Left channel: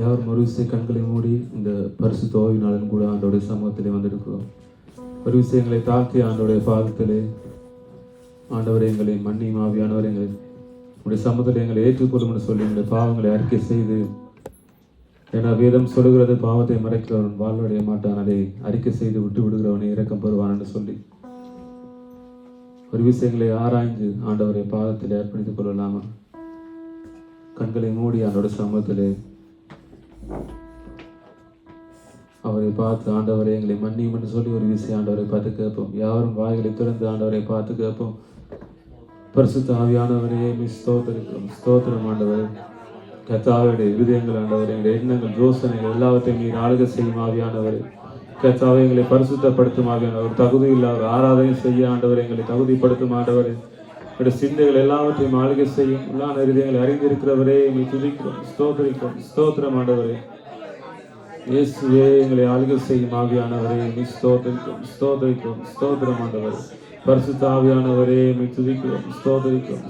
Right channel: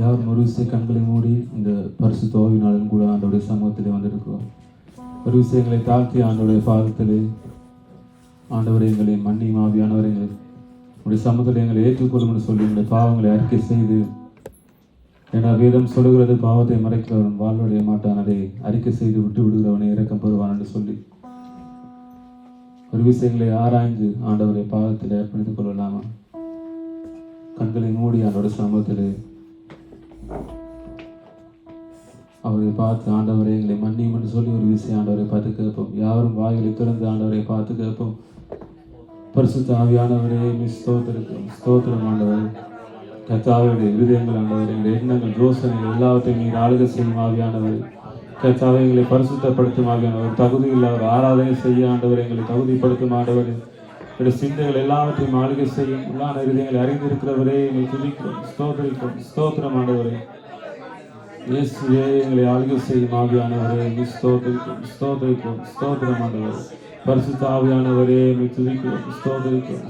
யாரும் ஒரு விஷயம் கண்களை மூடி இந்த பரிசுத்த ஓய்வு நாளும் கூட ஆண்டோடைய சமூகத்திலே வந்திருக்கிறோம். ஒரு விஷயங்களை தாக்கி ஆண்டோடைய பாதத்திலே ஆண்டவரை எங்களை மன்னியும் ஆவியானவர் எங்களை உடைய சமூகத்தில் எங்களை ஏற்றுக்கொள்ளும் என்று சொல்லி இந்த பாவங்களை அறிக்கை செய்து, ஏன்னா வேதம் சொல்லுகிறது பாவத்தை மறைக்கிறவன் வாழ்வடைய மாட்டான், அதை அறிக்கை செய்து விட்டு விடுகிறவனை இரக்கம் பெறுவான் என்று சொல்லி ஒரு விஷயங்களை ஆராய்ந்து ஆண்டவரை பாதத்தில் அர்ப்பணித்துக் கொள்ளலாமா? கண்களை மூடி ஆண்டோட சமூகத்திலே அவரை பார்த்து ஆண்டவரை எங்களை மன்னியும் என்று சொல்லி ஒரு விஷயம் ஆண்டவரை பார்த்து கேட்போம். யாரும் வாயிலை திறந்து ஆண்டவரை பார்த்து கேட்போம். பரிசுத்த ஆவியானவரே ஸ்தோத்திரம் ஆண்டவர். கர்த்தாவுடைய இருதயங்கள் ஆண்டவர், எங்களுடைய எண்ணங்கள் யோசனைகள் எல்லாவற்றையும் நீர் ஆளுகை செய்யும் ஆவியானவர். கர்த்தாவை எங்களை பரிசுத்தப்படுத்தும் ஆவியானவர். தகுதி இல்லாத ஆராதனை செய்ய ஆண்டவர் எங்களை தகுதிப்படுத்தும் ஆண்டவர். என்னுடைய சிந்தைகள் எல்லாவற்றையும் ஆளுகை செய்யும் உள்ளான இருதயங்களை அறிந்திருக்கிறவரே எங்களை துதிக்கிறோம். ஸ்தோத்திரம் ஆண்டவரே. இயேசுவே எங்களை ஆளுகை செய்யும் ஆவியானவரே ஸ்தோத்திரம் ஆண்டவர். பரிசுத்த ஆவியானவரே எங்களை துதிக்கிறோம்.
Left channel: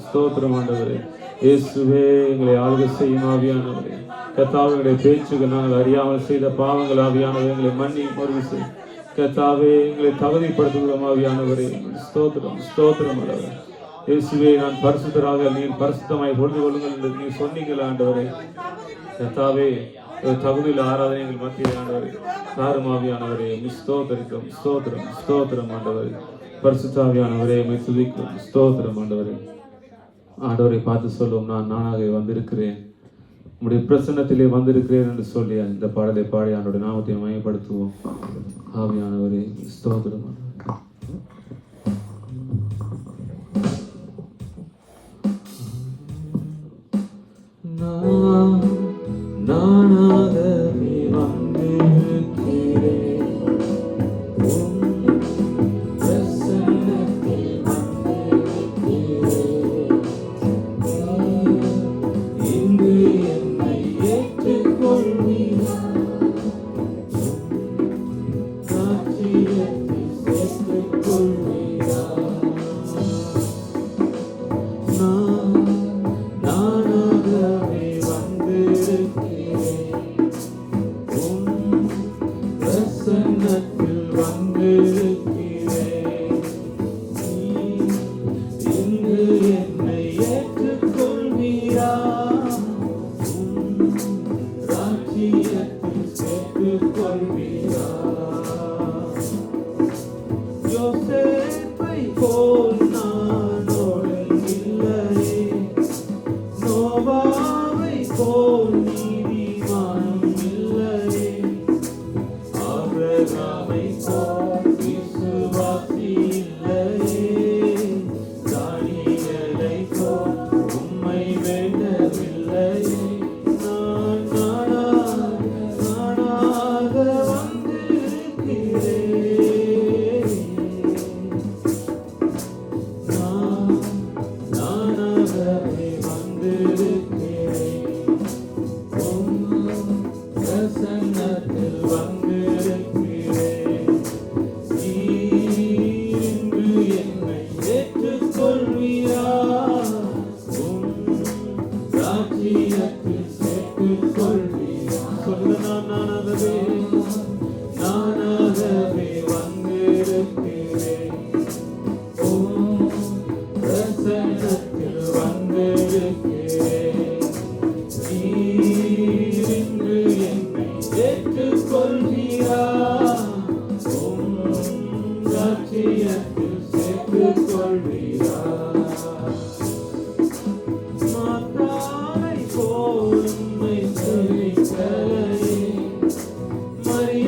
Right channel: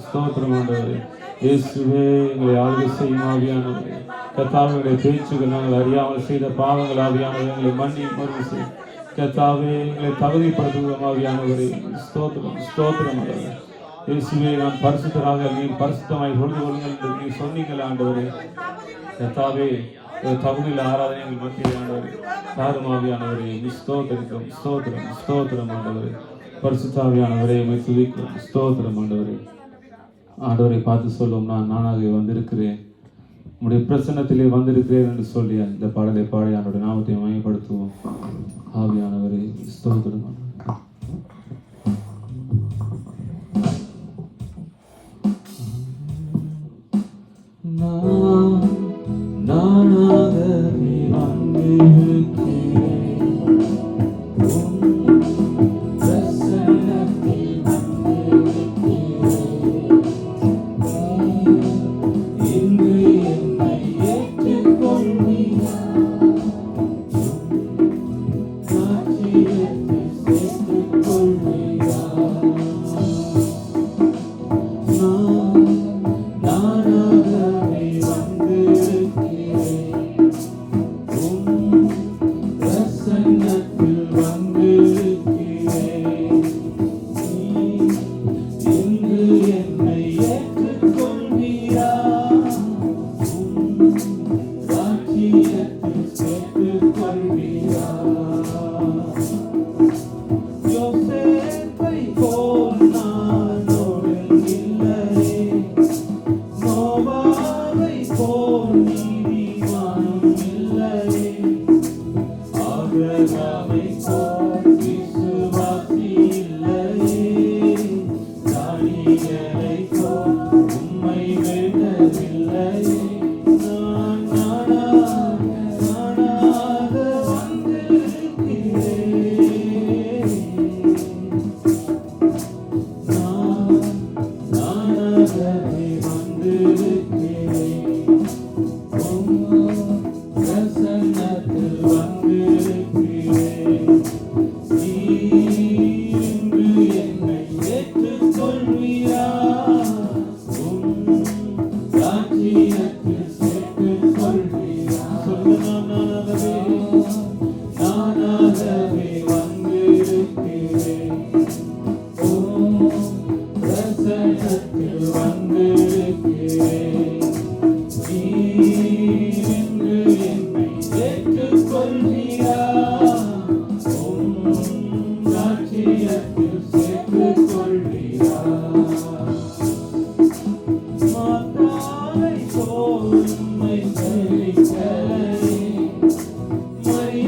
ஸ்தோத்திரம் ஆண்டவரே. இயேசுவே எங்களை ஆளுகை செய்யும் ஆவியானவரே. கர்த்தாவுடைய பேச்சுகள் நாங்கள் அறியாமல் செய்த பாவங்கள் ஆவியானவரை எங்களை மன்னியும் மறுவிசை. கர்த்தாவே எங்களை தகுதிப்படுத்துகிறோம் ஆவியானவரே. ஸ்தோத்திரம் ஆண்டவரே. இயேசுவே நான் பரிசுத்தராக நீர் பரிசுத்தமாய் பொழுது கொள்ளுங்கள் என்று நீ சொன்னீங்கள் ஆண்டவரே. கர்த்தாவே தகுதியில் ஆராதனை எங்கள் மத்தியில் ஆண்டவரே தாருமாவியானவரே ஸ்தோத்திரம் ஆண்டவரே. பரிசுத்தாவியானவரே எங்களை துதிக்கும். ஸ்தோத்திரம் ஆண்டவரே. ஆண்டவரை பார்த்து சொல்லும், நான் நானாக வந்திருக்கிறேன், உங்களுடைய பிரசன்னத்திலே வந்திருக்கிறேன் என்று சொல்லி அந்த பாடலை பாடி ஆண்டோட நாமத்தை மயப்படுத்துவோம். ஆவியானவரே ஸ்தோத்திரம். Maria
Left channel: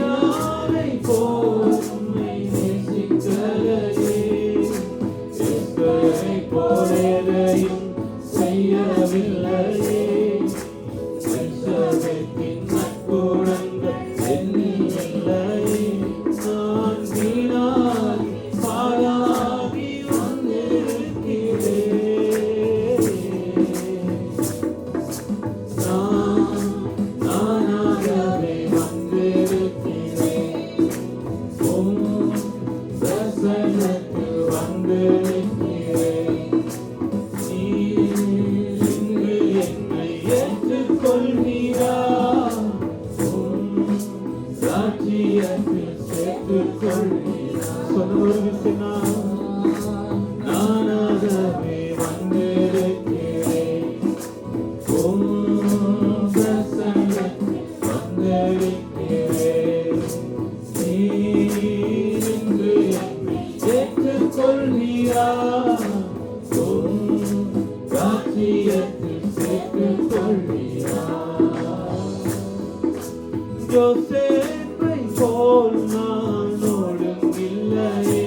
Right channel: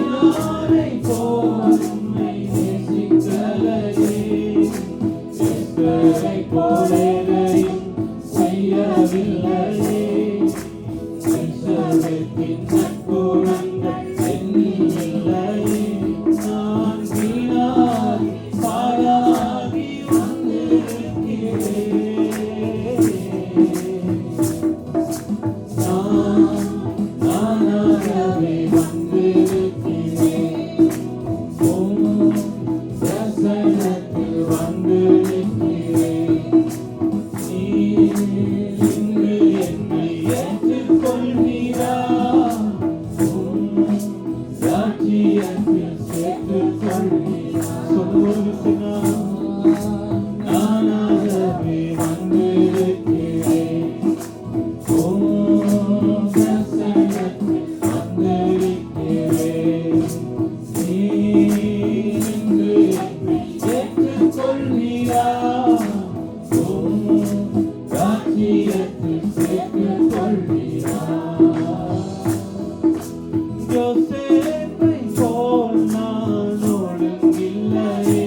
யோசேப்பை போல் நான் ஒழுங்கில்லையே,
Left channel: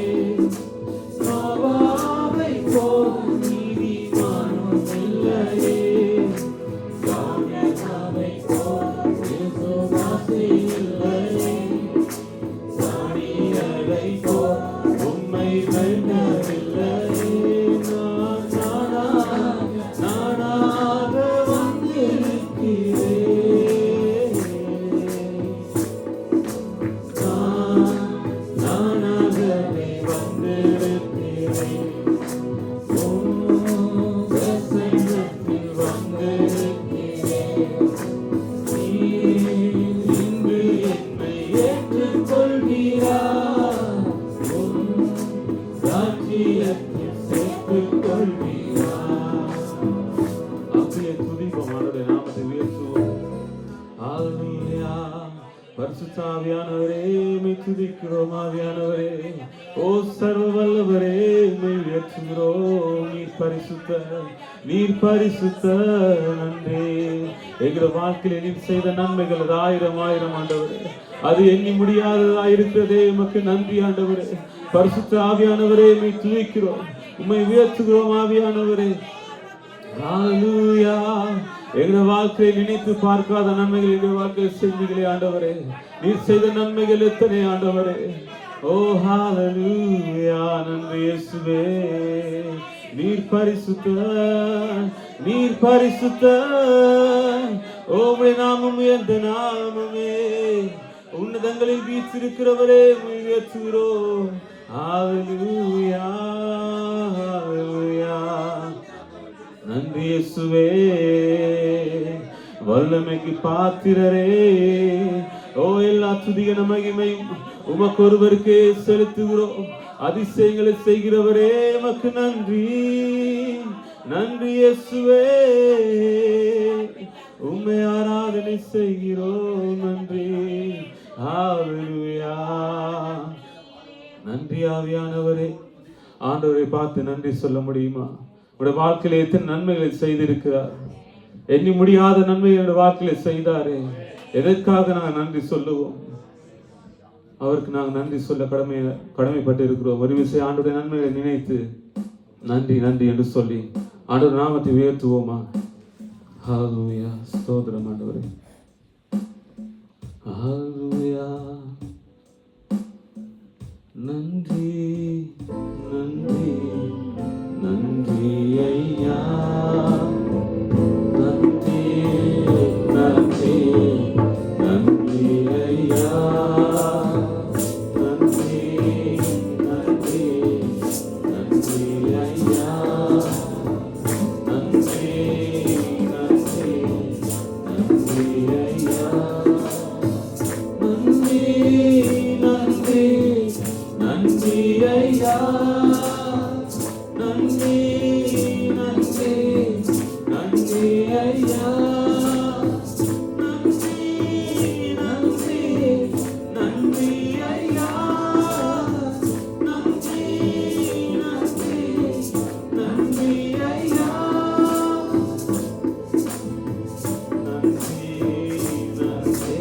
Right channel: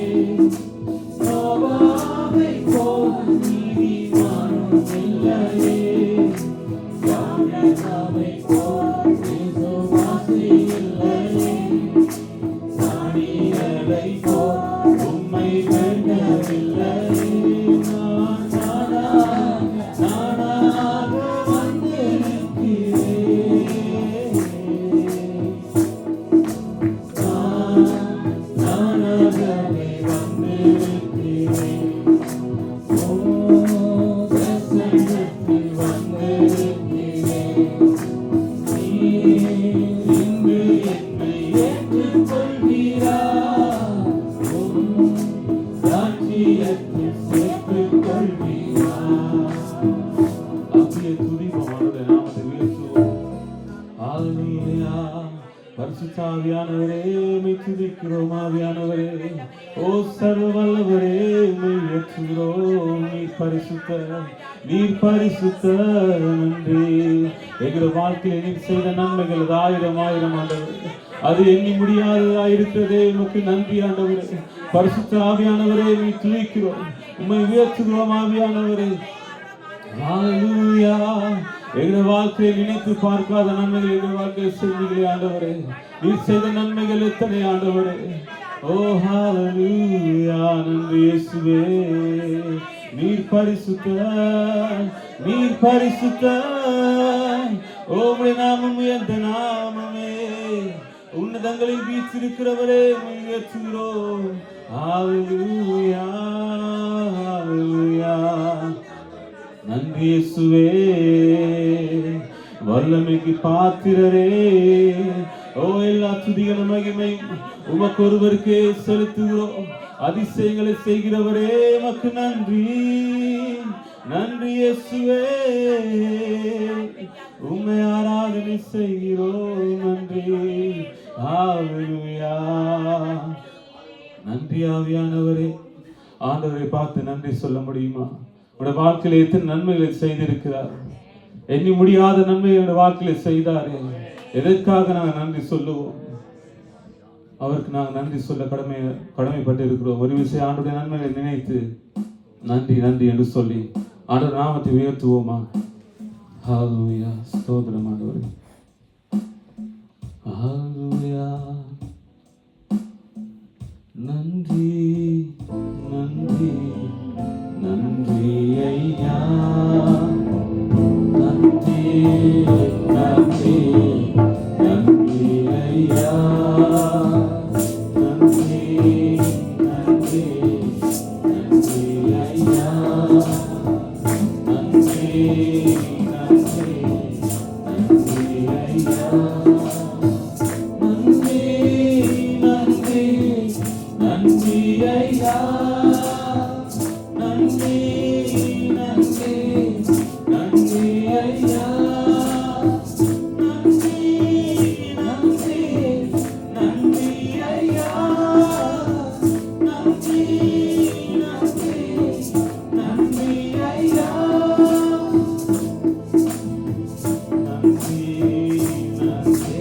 நோவாவை போல் நீதிமானும் இல்லையே, தாவீதை போல் விசுவாசி இல்லையே, தானியேலை போல் உம்மை வேண்டவில்லையே. நானாக வந்திருக்கிறேன், நானாகவே வந்திருக்கிறேன், பிரசன்னத்தில் வந்திருக்கிறேன். நீர் இன்று என்னை ஏற்றுக்கொள்வீரா, உம் ராஜ்யத்தில் சேர்த்துக் கொள்வீரா. அப்படியே துதிப்போம், அவருடைய நாமத்தை உயர்த்துவோம். ஹல்லேலூயா. பரிசுத்த ஆவியானவரே, உம்மை துதிக்கிறோம். ஆவியானவரே, ஓ சர்வ வல்லவரே, உம்மை உயர்த்துகிறோம். நீர் பரிசுத்த நன்றி. எங்கள் வாழ்க்கையில் நீர் செய்த நன்மைகள் அது ஆயிரம் ஆயிரம் ஆண்டவரே, அது எண்ணி முடியாததா இருக்கிறதே. உமக்கு நன்றி ஆண்டவரே. பரிசுத்த ஆவியானவரே, உம்மை துதிக்கிறோம், உம்மை உயர்த்துகிறோம். ஆவியானவரே, ஹல்லேலூயா. எங்கள் வாழ்க்கையை நினைத்து பார்க்காத நன்மைகள் எங்கள் வாழ்க்கையில் செய்தீர்களே ஆண்டவரே. நீர் செய்த நன்மைகள் எத்தனை ஆண்டவரே. ஓ ஹல்லேலூயா. நன்றி இயேசுவே. நீர் பரிசுத்த, நீர் பரிசுத்த. உம்முடைய நாமம் உயர்ந்த நாமமே. உன்னதங்களில் வீற்றிருக்கிறவரே, உம்மை உயர்த்துகிறோம். ஹல்லேலூயா, ஹல்லேலூயா. நன்றி இயேசுவே. வல்லமைக்கு பாத்திரரே, ஓ எல்லா துதிகன மகிமை உமக்கு ஒருவருக்கே செலுத்துகிறோம். அதிசயங்களை செய்கிறவரே, உமக்கு நன்றி. நன்றி இயேசுவே. உம்மை ஆராதனை செய்கிறோம். நன்றி. ஹல்லேலூயா. நன்றி ஆவியானவரே. ஆண்டவரை பார்த்து நன்றி சொல்ல முடியுமா? உடைய வாழ்க்கையில எத்தனை நன்மைகளை செய்திருக்கிறார். எண்ணி முடியாத நன்மைகளை வாழ்க்கையில செய்தாரே. எதற்காக நாங்கள் நன்றி சொல்லுவோம்? அவருக்கு நாங்கள் நன்றி சொல்ல கடமைப்பட்டு இருக்கிறோம். ஒரு விஷயம் ஆண்டவருடைய நன்மைகளை நினைத்து நன்றி நன்றி என்று சொல்லி ஆண்டவர் நாமத்தை உயர்த்துவோமா? ஹல்லேலூயா. ஸ்தோத்திரம் ஆண்டவரே. ஹல்லேலூயா. நன்றி நன்றி நன்றி ஐயா. நன்றி நன்றி நன்றி ஐயா. நன்றி நன்றி நன்றி ஐயா. நன்றி நன்றி நன்றி ஐயா. நன்றி நன்றி நன்றி ஐயா. நன்றி நன்றி நன்றி ஐயா. நன்றி நன்றி நன்றி ஐயா. நன்றி நன்றி நன்றி ஐயா. நன்றி நன்றி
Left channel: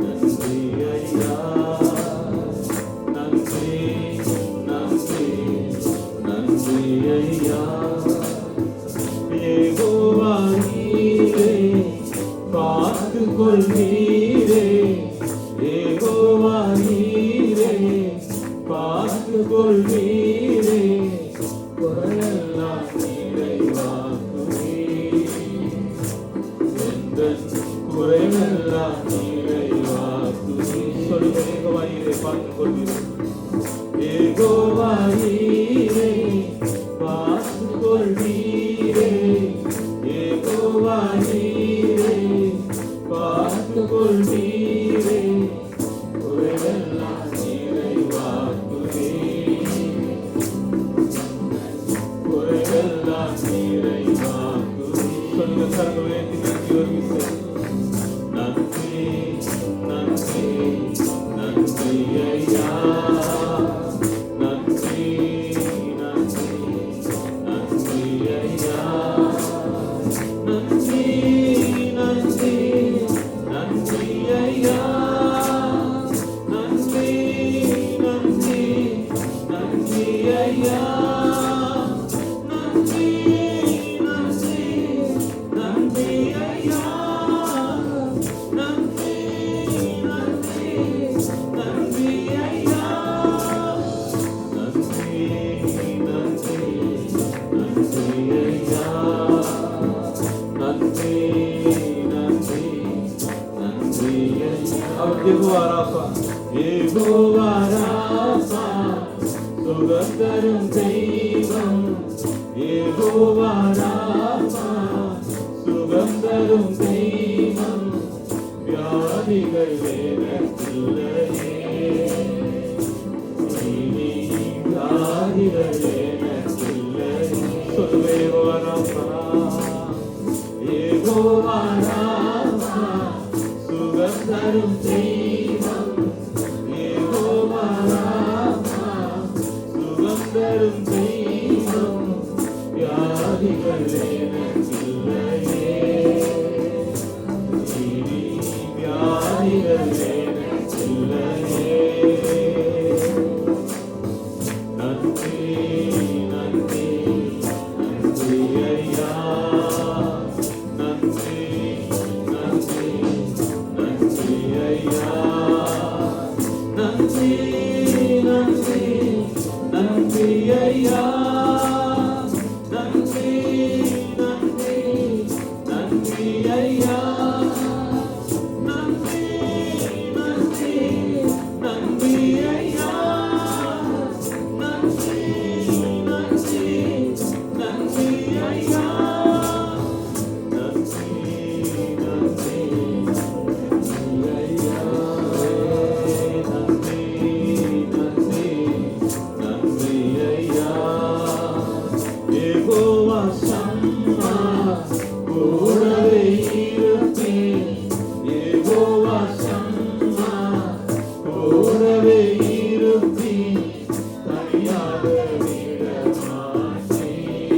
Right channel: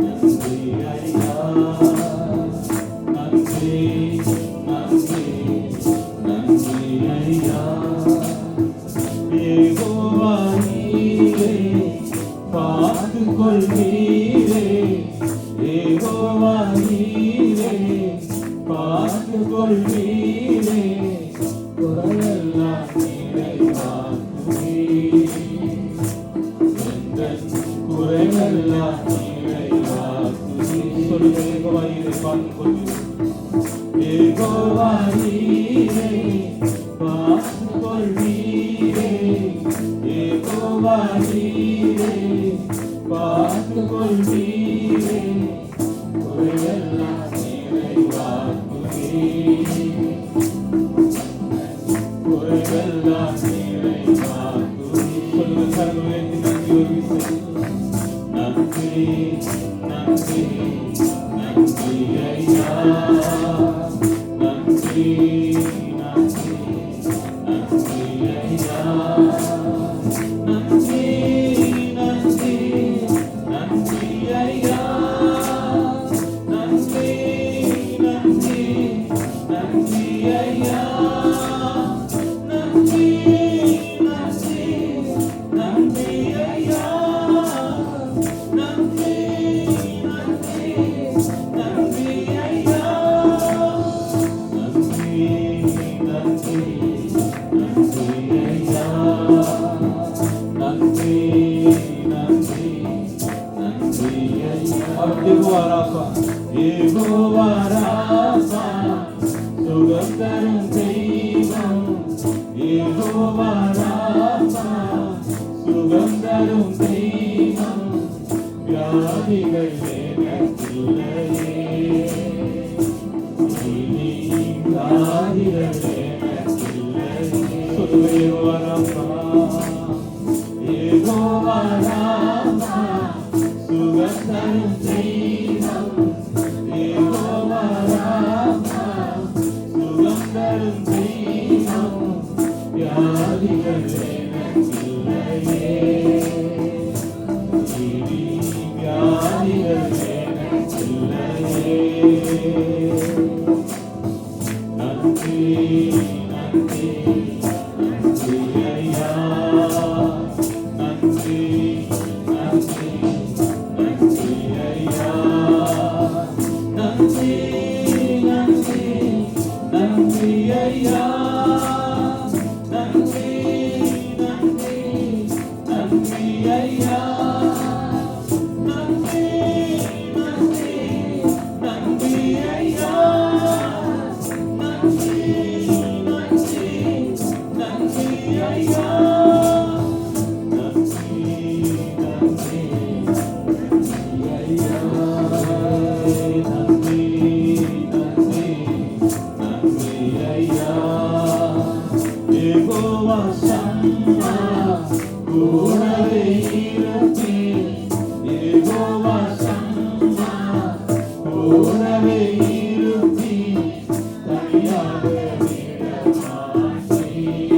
நன்றி ஐயா. நன்றி நன்றி நன்றி ஐயா. யெகோவா நீரே பார்த்துக் கொள்வீரே. யெகோவா நீரே பார்த்துக் கொள்வீரே. குறையெல்லாம் நிறைவாக்குவீர். எங்கள் குறையெல்லாம் நிறைவாக்குவீர். சொல்லுங்க, யெகோவா நீரே பார்த்துக் கொள்வீரே. யெகோவா நீரே பார்த்துக் கொள்வீரே. யெகோவா நீரே பார்த்துக் கொள்வீரே. குறையெல்லாம் நிறைவாக்குவீர். குறையெல்லாம் நிறைவாக்குவீர். சொல்லுங்க, கரங்களை உயர்த்தி நன்றி ஒரு விஷயம். நன்றி நன்றி நன்றி ஐயா. நன்றி நன்றி நன்றி ஐயா. நன்றி நன்றி நன்றி ஐயா. யெகோவா ராபா, யெகோவா ராபா, சுகம் தரும் தெய்வம். யெகோவா ராபா, சுகம் தரும் தெய்வம். வியாதிகள் எனக்கில்லையே, இனி வியாதிகள் எனக்கில்லையே. சொல்லுங்க, யெகோவா ராபா, யெகோவா ராபா, சுகம் தரும் தெய்வம். யெகோவா ராபா, சுகம் தரும் தெய்வம். வியாதிகள் எனக்கில்லையே, இனி வியாதிகள் எனக்கில்லையே. நன்றி நன்றி நன்றி ஐயா, நன்றி நன்றி நன்றி ஐயா, நன்றி நன்றி நன்றி ஐயா, நன்றி நன்றி நன்றி ஐயா, நன்றி நன்றி நன்றி ஐயா, நன்றி நன்றி நன்றி ஐயா, நன்றி நன்றி நன்றி ஐயா, நன்றி நன்றி நன்றி ஐயா. யெகோவா ஷம்மா, கூடவே இருப்பேன். யெகோவா ஷம்மா, கூடவே இருப்பேன். தனியாக விட மாட்டேன்,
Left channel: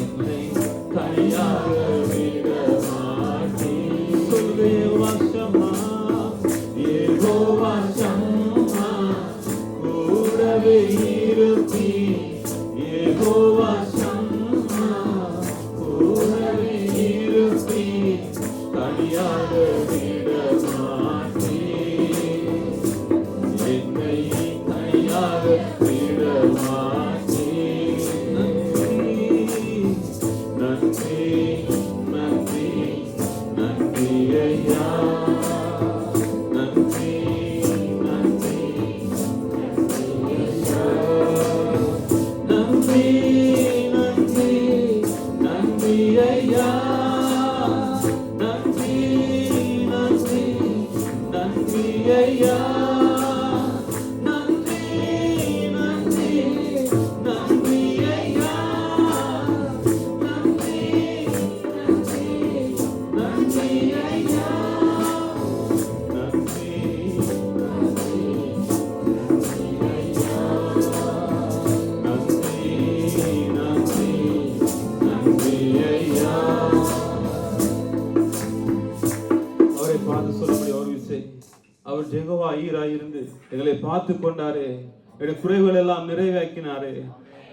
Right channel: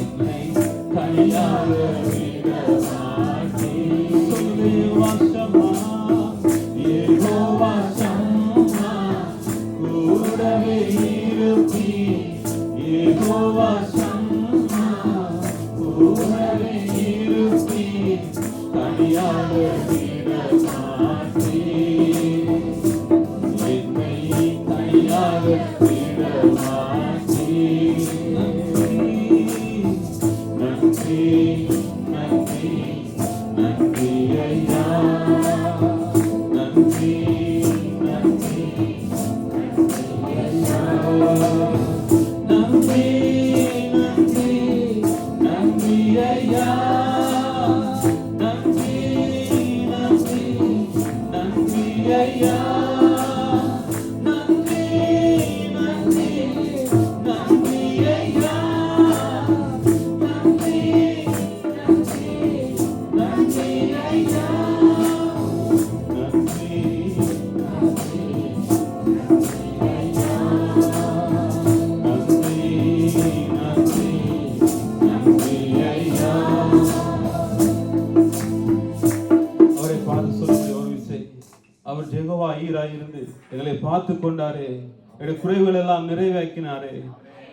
என்னை தனியாக விட மாட்டேன். சொல்லுங்க, யெகோவா ஷம்மா, யெகோவா ஷம்மா, கூடவே இருப்பேன். யெகோவா ஷம்மா, கூடவே இருப்பேன். தனியாக விட மாட்டேன், என்னை தனியாக விட மாட்டேன். நன்றி நன்றி நன்றி ஐயா, நன்றி நன்றி நன்றி ஐயா, நன்றி நன்றி நன்றி ஐயா, நன்றி நன்றி நன்றி ஐயா, நன்றி நன்றி நன்றி ஐயா, நன்றி நன்றி நன்றி ஐயா, நன்றி நன்றி நன்றி ஐயா, நன்றி நன்றி நன்றி ஐயா. அவரை பார்த்து சொல்லக்கூடிய ஒரு விஷயம், அவர் யெகோவா ஈராய் இருந்து எங்களை பார்த்து கொண்டாரே, எங்களுடைய குறைகள் எல்லாம் நிறைவேற்றினாரே.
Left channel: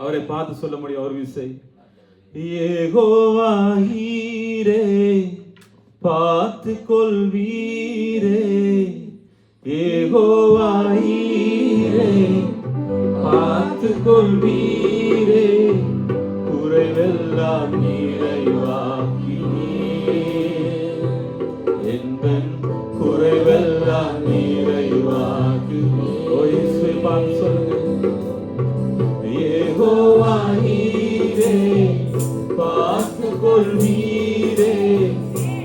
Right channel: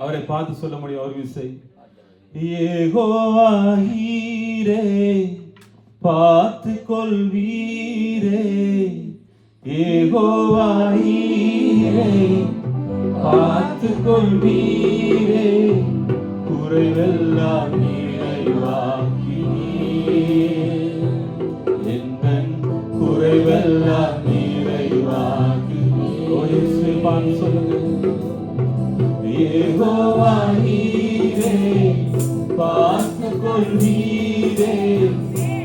அவரை பார்த்து சொல்ல முடியும் ஒரு விஷயம், யெகோவா ஈரே, பார்த்து கொள்வீரே. யெகோவா ஈரே, பார்த்து கொள்வீரே. குறைவெல்லாம் நிறைவாக்கினீர், என்பன் குறைவெல்லாம் நிறைவாக்கினீர். ஒரு இயேசுவை பார்த்து சொல்லுங்க, யெகோவா ஈரே, பார்த்து கொள்வீரே.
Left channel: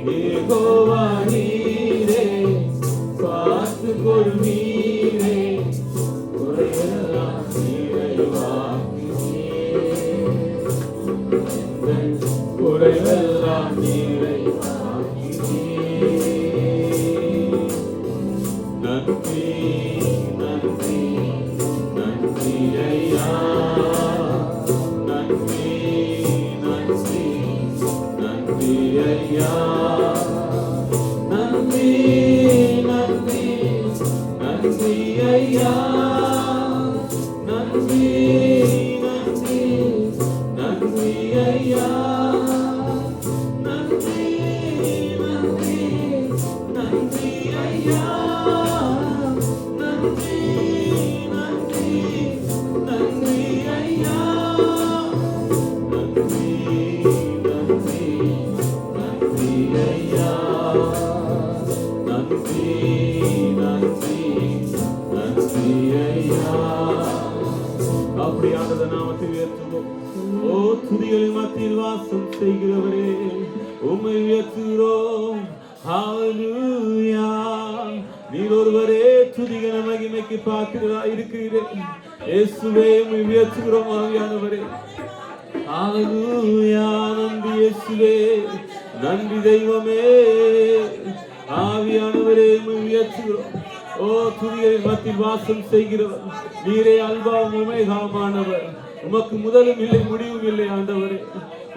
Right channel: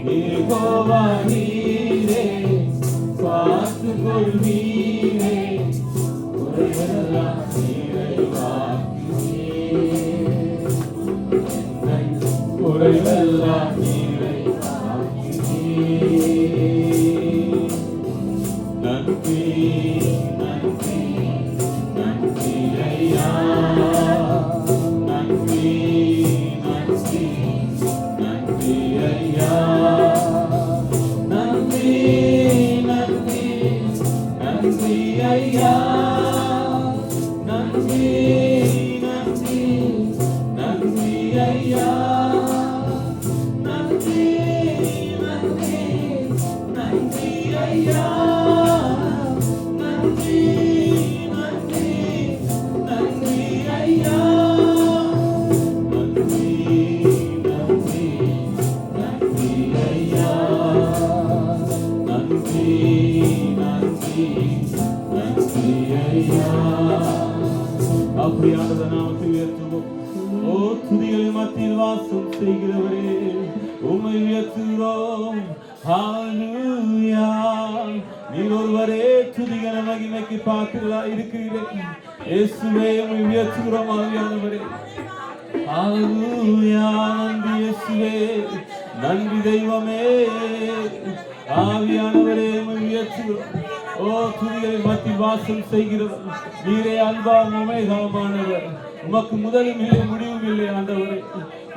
யெகோவா ஈரே, பார்த்து கொள்வீரே. குறைவெல்லாம் நிறைவாக்கினீர், என்பன் குறைவெல்லாம் நிறைவாக்கினீர். நன்றி நன்றி நன்றி ஐயா, நன்றி நன்றி நன்றி ஐயா, நன்றி நன்றி நன்றி ஐயா, நன்றி நன்றி நன்றி ஐயா, நன்றி நன்றி நன்றி ஐயா, உம்மை உயர்த்துகிறோம். ஹalleluya. நீர் ஒருவரே துதிகன மகிமைக்கு பாத்திரராய் இருக்கிறீர். இயேசுவே உம்மை உயர்த்துகிறோம் ஆவியானவரே. ஹalleluya. நன்றி இயேசுவே, நன்றி தெய்வமே. ஆவியானவரே உம்மை உயர்த்துகிறோம். ஓ துதியை மத்தியில் வாசம் செய்கிறவர் நீரே, அல்பாவும் ஒமேகாவுமானவர். உமக்கு முதலும் இல்லை முடிவும் இல்லை ஆண்டவரே.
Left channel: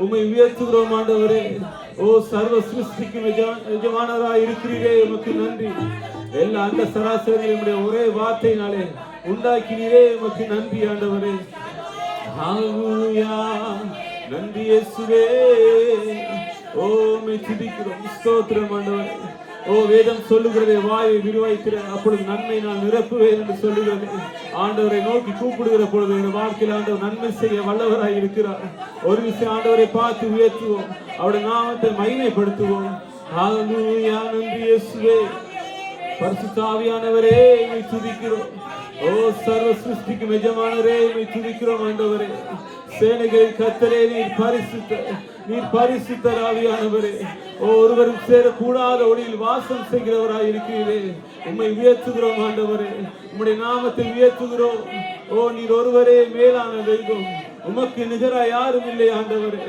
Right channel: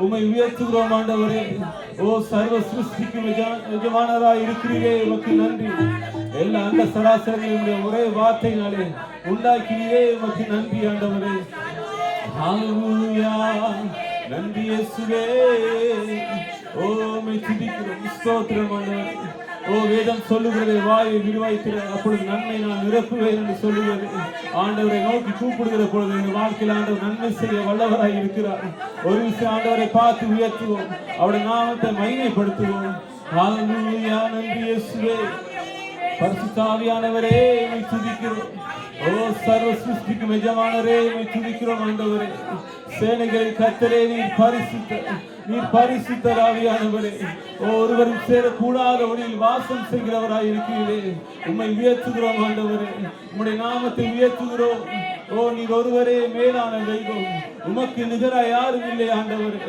உம்மை உயர்த்துகிறோம் ஆண்டவரே. ஓ சர்வ சிருஷ்டிக்கும் எஜமானராய் இருக்கிறீரே, உமக்கு நன்றி. எல்லா அந்த சராசரிகளுடைய ஒரே வார்த்தையினாலே உண்டாக்கினீரே, உமக்கு நன்றி ஆண்டவரே. ஹalleluya. நன்றி இயேசுவே. ஓ உம்மை துதிக்கிறோம். ஸ்தோத்திரம் ஆண்டவரே. ஓ வேதம் சொல்லுகிறது, வாயை விரிவாய்க்கிற அப்பொழுது நன்மை நான் நிரப்புவேன் என்று சொல்லுகிறது. ஆண்டவரை நோக்கி கூப்பிடுகிற பொழுது இந்த வாழ்க்கையில் ஆண்டவர் நன்மை செய்ய வல்லவராய் இருக்கிறார். ஒரு விஷயம் ஆண்டவரை பார்த்து உயர்த்துவோம், அவருடைய நாமத்தை மகிமைப்படுத்துவோம். ஹalleluya. நன்றி இயேசுவே. பரிசுத்த ஆவியானவரே உம்மை துதிக்கிறோம். ஓ சர்வ சிருஷ்டிக்கும் எஜமானரே உம்மை துதிக்கிறோம் ஆண்டவரே. சேனைகளின் கர்த்தரே, நீர் பரிசுத்தர், நீர் பரிசுத்தர் ஆவியானவரே. ஓ ஒருவரும் சேரக்கூடாத ஒளியில் வாசம் செய்கிறவராய் இருக்கிறீரே, உம்மை உயர்த்துகிறோம் ஆண்டவரே. உம்முடைய நாமத்தை உயர்த்துகிறோம். ஓ நீர் ஒருவரே மேலான தெய்வம், உமக்கு நிகராய் யாரும் இல்லை ஆண்டவரே.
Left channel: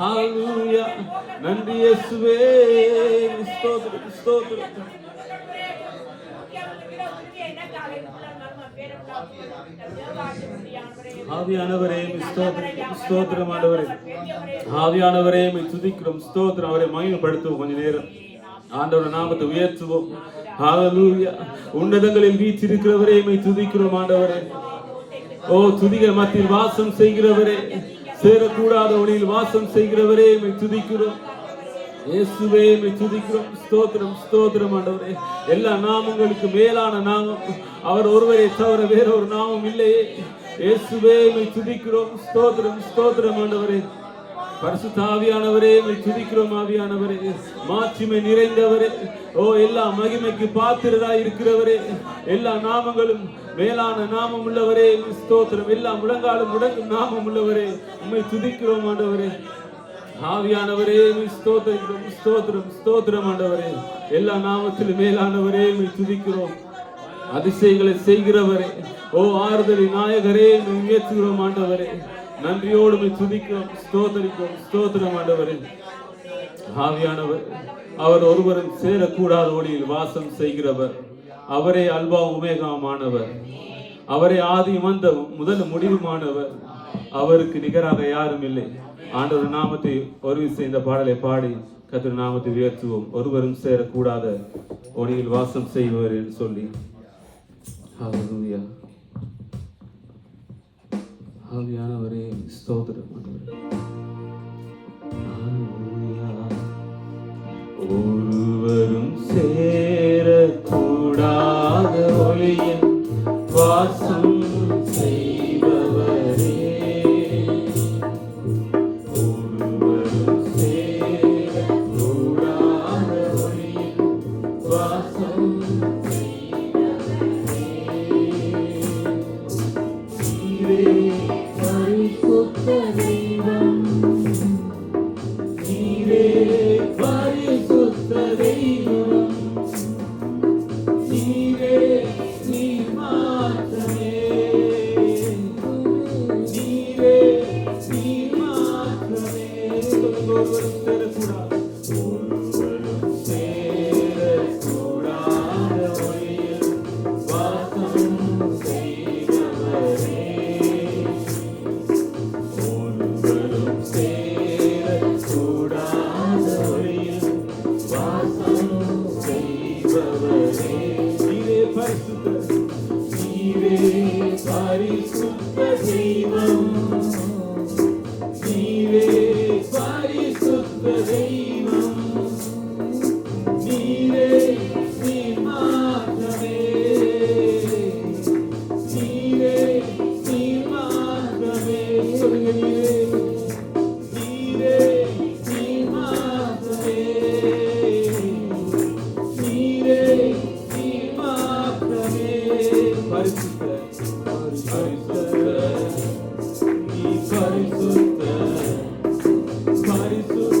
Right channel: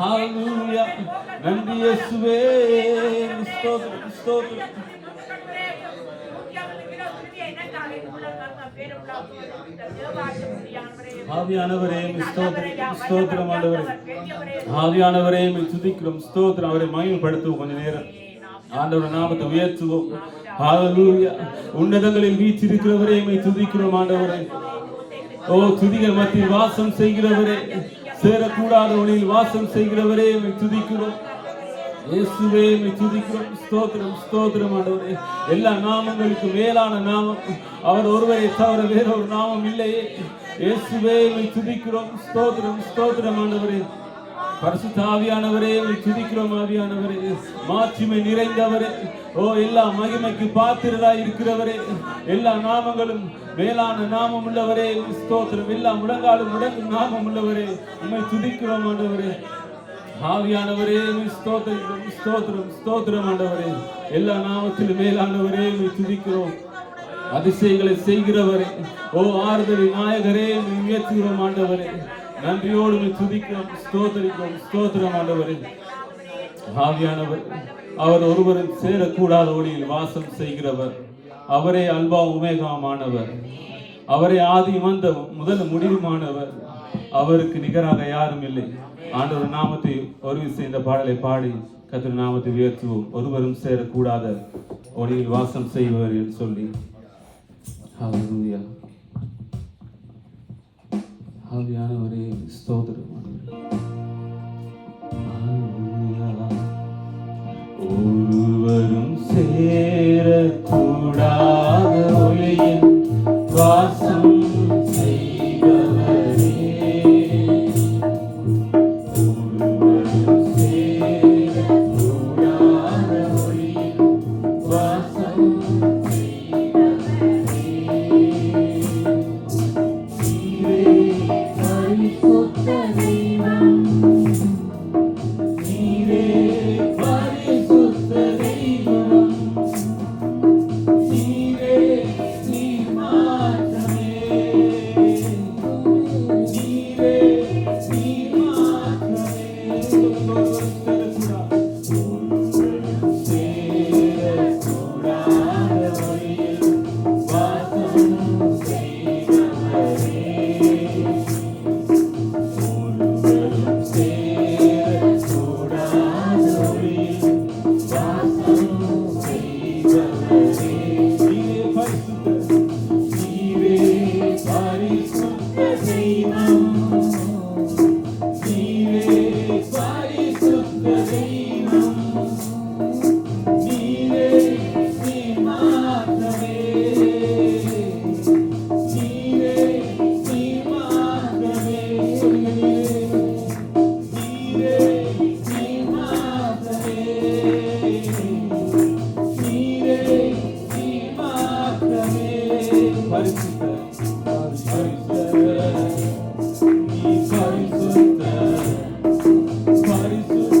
ஹalleluya. நன்றி இயேசுவே. ஸ்தோத்திரம் ஸ்தோத்திரம். ஆவியானவரே ஸ்தோத்திரம் ஆண்டவரே. ஆவியானவரே துதிக்கிறோம். ஸ்தோத்திரம். அவரை மகிமைப்படுத்துவோம். கொஞ்ச நேரம் ஆண்டவருடைய நாமத்தை உயர்த்துவோம். ஹalleluya. உன்னதங்களில் வீற்றிருக்கிறவரே உம்மை துதிக்கிறோம் ஆண்டவரே. ஓ துதிகள் மத்தியில் வாசம் செய்கிறவரே, சேரக்கூடாத ஒளியில் வாசம் செய்கிறவரே உம்மை துதிக்கிறோம். இயேசுவே உம்மை துதிக்கிறோம். ஸ்தோத்திரம் ஸ்தோத்திரம் ஆண்டவரே. எல்லா நாமங்களுக்கு மேலான நாமம் அவர் ஒருவரை தவிர வேறொரு நாமம் இல்லையே. இயேசுவே உம்மை துதிக்கிறோம். ஸ்தோத்திரம் ஸ்தோத்திரம் ஆண்டவரே. பரிசுத்த ஆவியானவரே உம்மை துதிக்கிறோம். ஆவியானவரே மாட்சிமை நிறைந்தவரே, ஓ எல்லா மகிமைக்கு பாத்திரராய் இருக்கிறவரே, எல்லா நாமங்களும் மேலான நாமம் உள்ளவரே ஸ்தோத்திரம். எல்லா முழங்காலும் முடங்கும் நாமம் உள்ளவரே உம்மை துதிக்கிறோம் ஆண்டவரே. ஆவியானவரே ஸ்தோத்திரம் ஸ்தோத்திரம் ஸ்தோத்திரம் ஆண்டவரே. எல்லா நாமத்திலும் மேலானவரே உம்மை துதிக்கிறோம். அதிசயங்களை செய்கிறவரே, ஓ ஆறுதலின் நாயகரே உம்மை உயர்த்துகிறோம் ஆண்டவரே. நன்றியோடு உம்மை துதிக்கிறோம், ஸ்தோத்திரிக்கிறோம். ஸ்தோத்திரம் ஆண்டவரே. ஆவியானவர் அவர் ஒருவரும் சேரக்கூடாத ஒளியில் வாசம் செய்கிறவர். அவரே அல்பா உமேகாமானவர். அவரே ஆதி மந்த முதல் முடிவுமானவர். அவருக்கு நிகராக யாரும் இல்லை. ஆண்டவர் நாமத்தை ஒரு விஷயம் இந்த பாடலை பாடி கர்த்தர் நாமத்தை உயர்த்துவோம். ஒருவரும் சேரக்கூடாத ஒளியில் வாசம் செய்வர் என்று சொல்லி. ஹalleluya. ஆவியானவரே ஸ்தோத்திரம். ஒருவரும் சேரக்கூடாத ஒளியில் வாசம் செய்பவரே, ஒருவரும் சேரக்கூடாத ஒளியில் வாசம் செய்பவரே, நீரே பரிசுத்த தெய்வம், நீரே பரிசுத்த தெய்வம், நீரே நீர் மாற்றமே, நீரே நீர் மாற்றமே. ஒருவரும் சேரக்கூடாத ஒளியில் வாசம் செய்பவரே, ஒருவரும் சேரக்கூடாத ஒளியில் வாசம் செய்பவரே, நீரே பரிசுத்த, நீரே பரிசுத்த தெய்வம், நீரே பரிசுத்த தெய்வம், நீரே நீர் மாற்றமே, நீரே நீர் மாற்றமே. சொல்லுங்க, நீரே நீர் மாற்றமே, நீரே நீர் மாற்றமே. பரிசுத்த பரிசுத்த நீ பரிசுத்த பரிசுத்த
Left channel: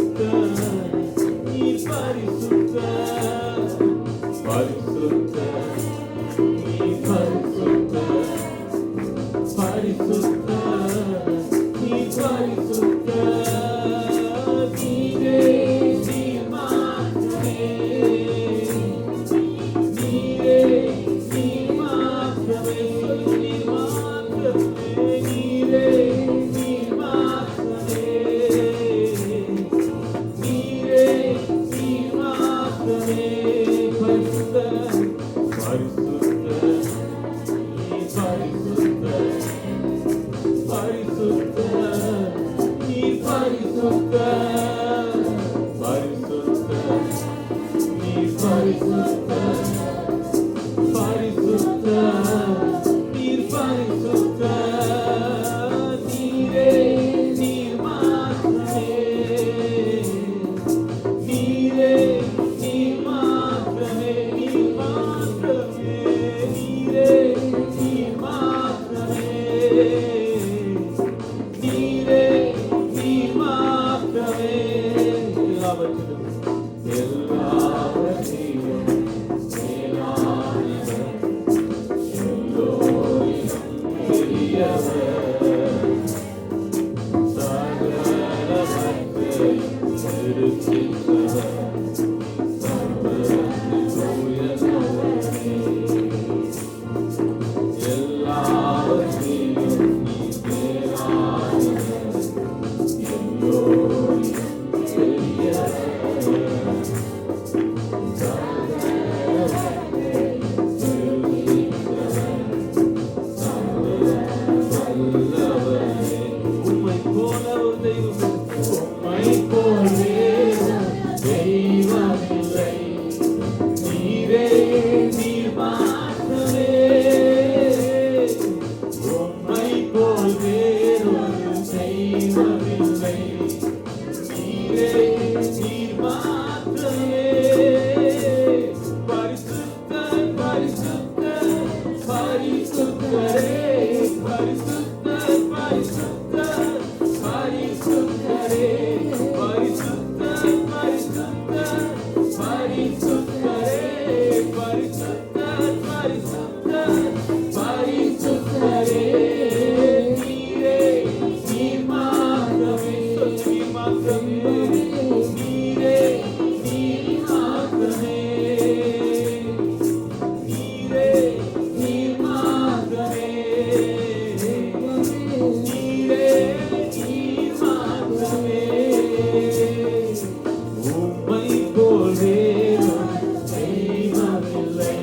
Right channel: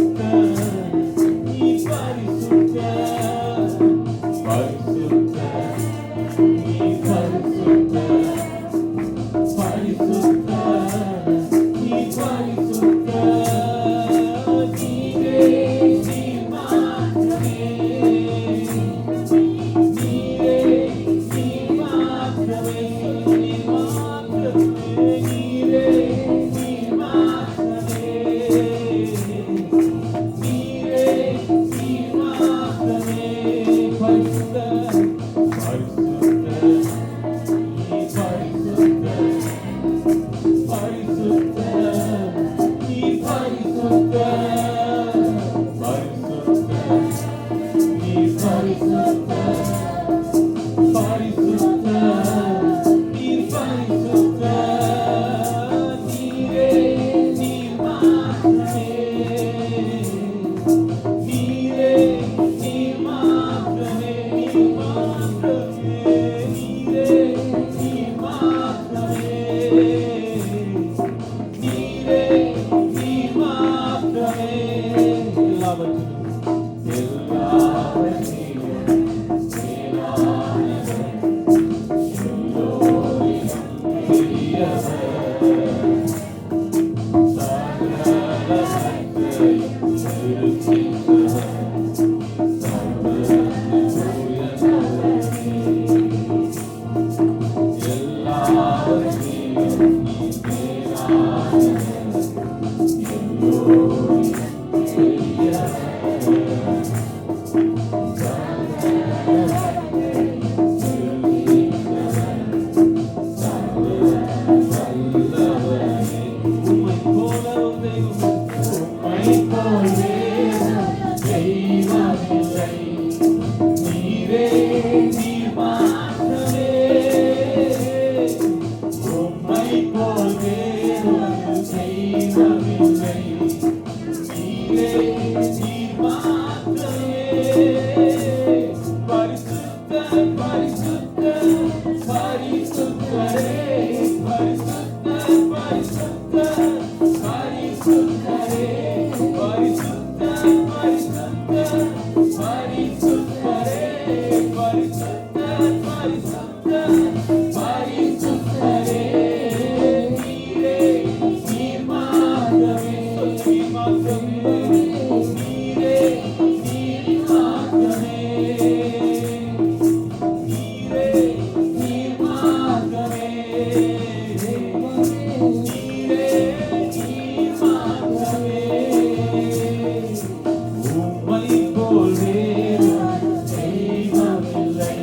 உம்மை போல் தேவன் தெய்வமில்லை.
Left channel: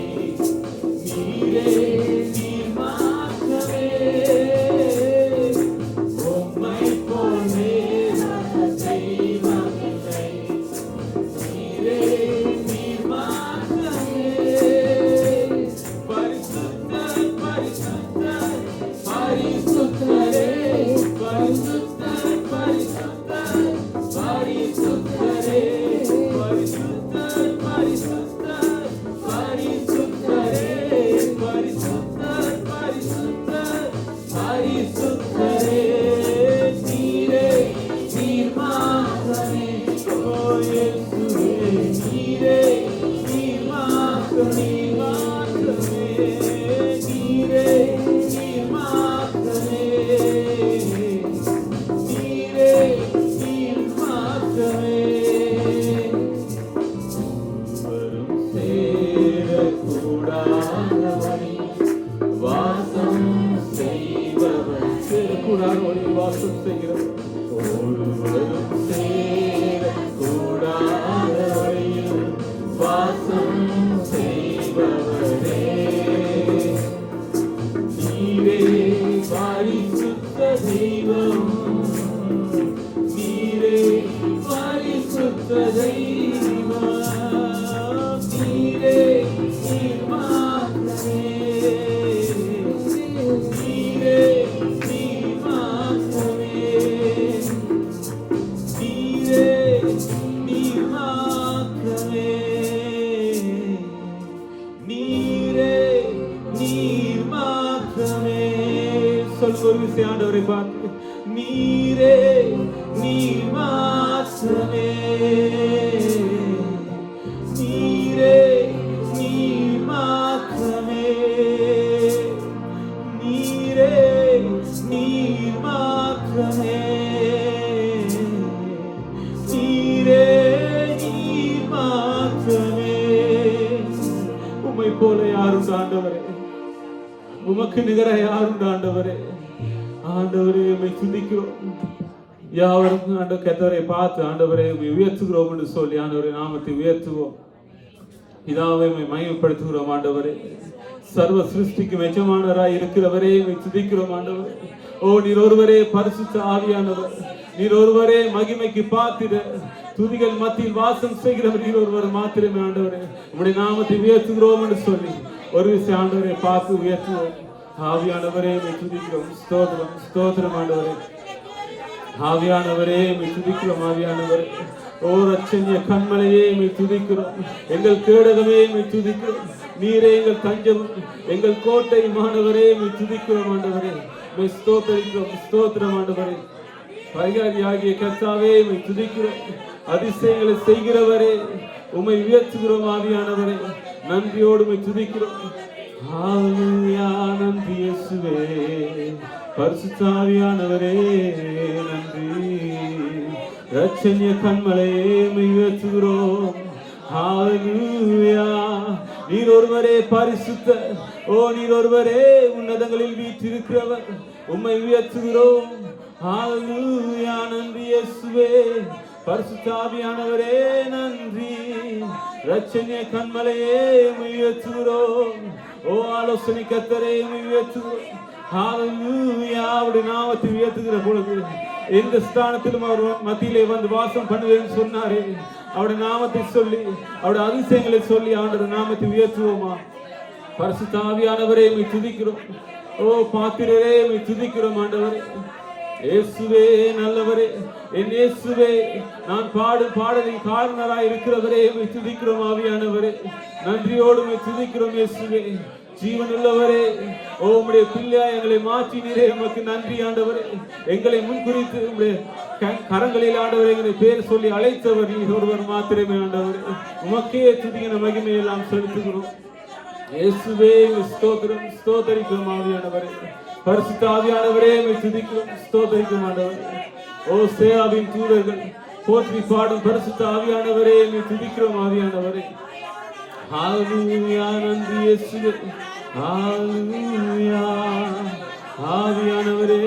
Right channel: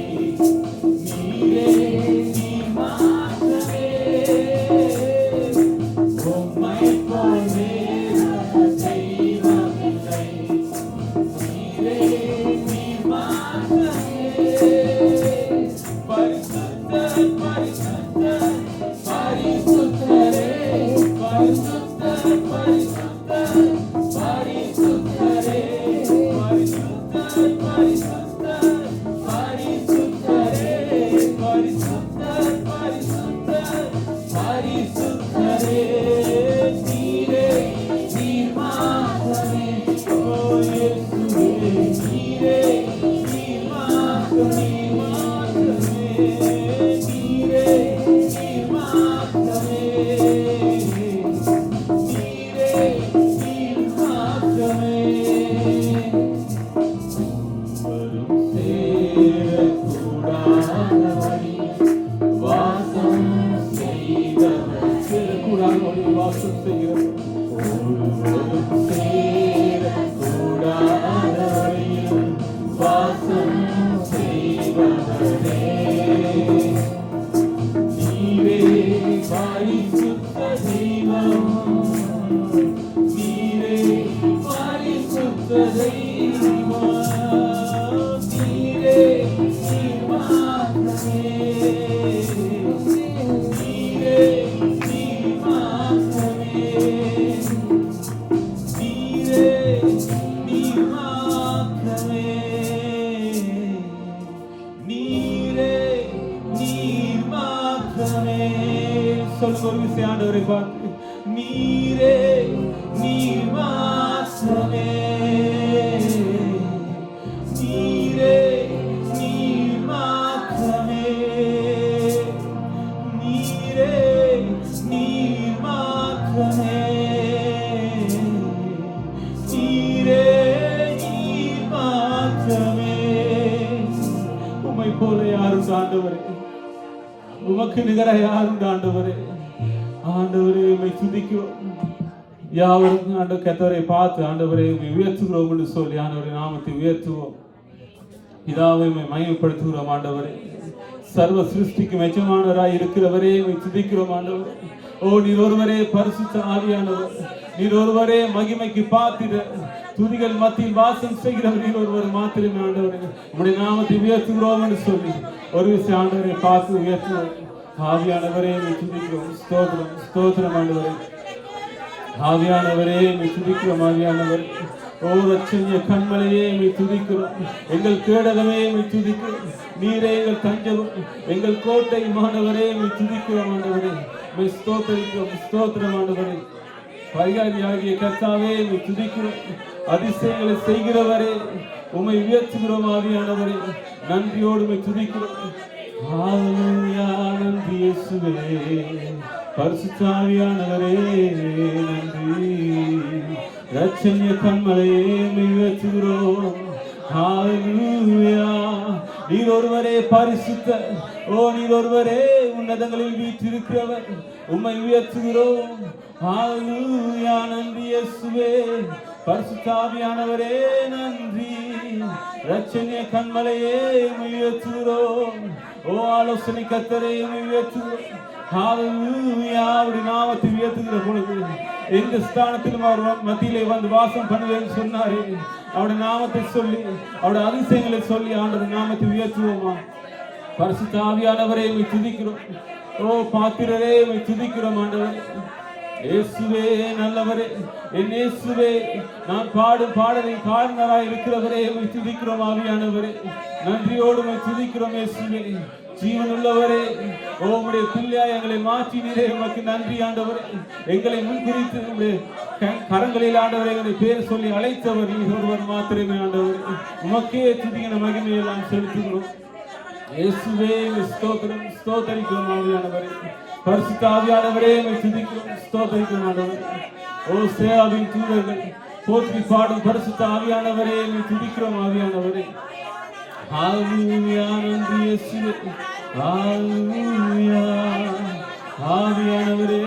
நீரே நீர் மாத்திரமே. உம்மை போல் தேவன் தெய்வமில்லை. நீரே நீர் மாத்திரமே. பரிசுத்தர் பரிசுத்தர் பரிசுத்தரே. பரிசுத்தர் பரிசுத்தர் பரிசுத்தரே. பரிசுத்தர் பரிசுத்தர் பரிசுத்தரே. பரிசுத்தர் பரிசுத்தர் பரிசுத்தரே. நீரே நீர் மாத்திரமே. ஓ இயேசுவே நீரே நீர் மாத்திரமே. நீரே நீர் மாத்திரமே. நீரே நீர் மாத்திரமே. ஒருவரும் சேரக்கூடாதபடி வாசம் செய்பவர். சேரக்கூடாதபடி வாசம் செய்கிறவர். ஒருவரும் சேரக்கூடாதபடி வாசம் செய்பவரே. நீரே பரிசுத்த தெய்வம். நீரே பரிசுத்த தெய்வம். நீரே நீர் மாத்திரமே. நீரே நீர் மாத்திரமே. நீரே நீர் மாத்திரமே. நீரே நீர் மாத்திரமே. சொல்லுங்க ஒரு விஷயம் ஆண்டவரை பார்த்து. நீரே நீர் மாத்திரமே. நீரே நீர் மாத்திரமே. நீரே நீர் மாத்திரமே. நீரே நீர் மாத்திரமே. உம்மை போல யாருண்டு ஆண்டவரே? உமக்கு நிகராக யாருண்டு ஆண்டவரே? ஆண்டவரே உம்மை துதிக்கிறோம். யாவருக்கும் ஆண்டவர் கர்த்தரை பார்த்து ஆண்டவரே உம்மை உயர்த்துகிறோம் என்று சொல்லி ஆண்டவரே நாமத்தை உயர்த்துவோம். பிதாவை உம்மை மகிமைப்படுத்துகிறோம் ஆண்டவரே. சர்வ சிருஷ்டிக்கும் எஜமானராய் இருக்கிறவரே உம்மை துதிக்கிறோம் ஆண்டவரே. ஓ நீர் ஒருவரே பரிசுத்த ஆவியானவர். நீர் ஒருவரே மகிமைக்கு பாத்திர. துதிகள் மத்தியில் வாசம் செய்கிறவர் நீர் ஒருவர் மாத்திரமே ஆண்டவரே. உம்முடைய நாமத்தை உயர்த்துகிறோம் என்று சொல்லி ஒரு விஷயம் ஆண்டவரை பார்த்து உயர்த்துவோம். ஆவியானவரே உம்மை துதிக்கிறோம். ஸ்தோத்திரம் ஸ்தோத்திரம் ஆண்டவரே. ஆவியானவரே உம்மை துதிக்கிறோம். ஆவியானவரே ஓ ரட்சணிய கண்மலையே உம்மை துதிக்கிறோம். எங்கள் கேடகமே உம்மை துதிக்கிறோம். நீரே எங்கள் தஞ்சம் எங்கள் கோட்டை மாணவரே உம்மை துதிக்கிறோம் ஆண்டவரே. உம்மை ஸ்தோத்திரிக்கிறோம். ஸ்தோத்திரம் ஆண்டவரே. பரிகாரியாகிய கர்த்தாவே உம்மை துதிக்கிறோம். அதிசயங்களை செய்கிறவரே உம்மை உயர்த்துகிறோம். ஆவியானவரே நன்றியோடு உம்மை துதிக்கிறோம். ஹalleluya. நன்றி இயேசுவே. பரிசுத்த ஆவியானவரே நன்றி. ரட்சணிய கண்மலையே உம்மை உயர்த்துகிறோம். ஹalleluya. நீர் ஒருவரே பரிசுத்த. ஓ நீர் ஒருவரே உன்னதங்களில் வீற்றிருக்கிறவர். உம்மை உயர்த்துகிறோம். ஹalleluya. நன்றி இயேசுவே. பரிசுத்த ஆவியானவரே நன்றி. ரட்சணிய கண்மலையே உம்மை உயர்த்துகிறோம். ஓ ஆலோசனை கர்த்தரே உம்மை உயர்த்துகிறோம். ஹalleluya. அவருடைய நாமத்தை உயர்த்துகிற பொழுது எந்த ஸ்தானத்திலும் அவர் மத்தியிலே வந்து வாசம் பண்ணுவேன்னு சொன்னாரே. அவருடைய நாமத்தை சொல்லி அவருடைய அதிசயங்களை சொல்லி ஆண்டவர் நாமத்தை உயர்த்துவோமா. பரிசுத்த ஆவியானவரே உம்மை துதிக்கிறோம். ஓ பாத்திரரே உம்மை துதிக்கிறோம் ஆண்டவரே. இயேசுவே நல்லவரே. என் இயேசுவே நான் பாடும் பாடலின் காரணராய் இருக்கிறவரே உம்மை துதிக்கிறோம். ஆவியானவரே நன்றியோடு உம்மை துதிக்கிறோம். இயேசுவே ஜீவன் உள்ளவரே. ஓ உம்முடைய பிள்ளையாய் எங்களை மாற்றினீரே. உமக்கு நன்றி ஆண்டவரே. எங்களை முன்குறித்து உம்முடைய கரங்களில் ஆண்டவரே எங்களை பேர் சொல்லி அழைத்தவர் நீர் ஒருவர் மாத்திரமே ஆண்டவரே. உமக்கே துதிக்கிற மகிமை எல்லாம் செலுத்துகிறோம். இயேசுவே ஸ்தோத்திரம் ஸ்தோத்தரிக்கிறோம். ஆவியானவரே பரிசுத்த ஆவியானவரே உம்மை துதிக்கிறோம். ஸ்தோத்தரிக்கிறோம் ஆண்டவரே. ஓ சேராவின் தூதர்கள் போற்றி பாடும் பரிசுத்த ஆவியானவரே உம்மை துதிக்கிறோம். ஆவியானவரே ஹalleluya. நன்றி இயேசுவே. ஹalleluya. ஆவியானவரே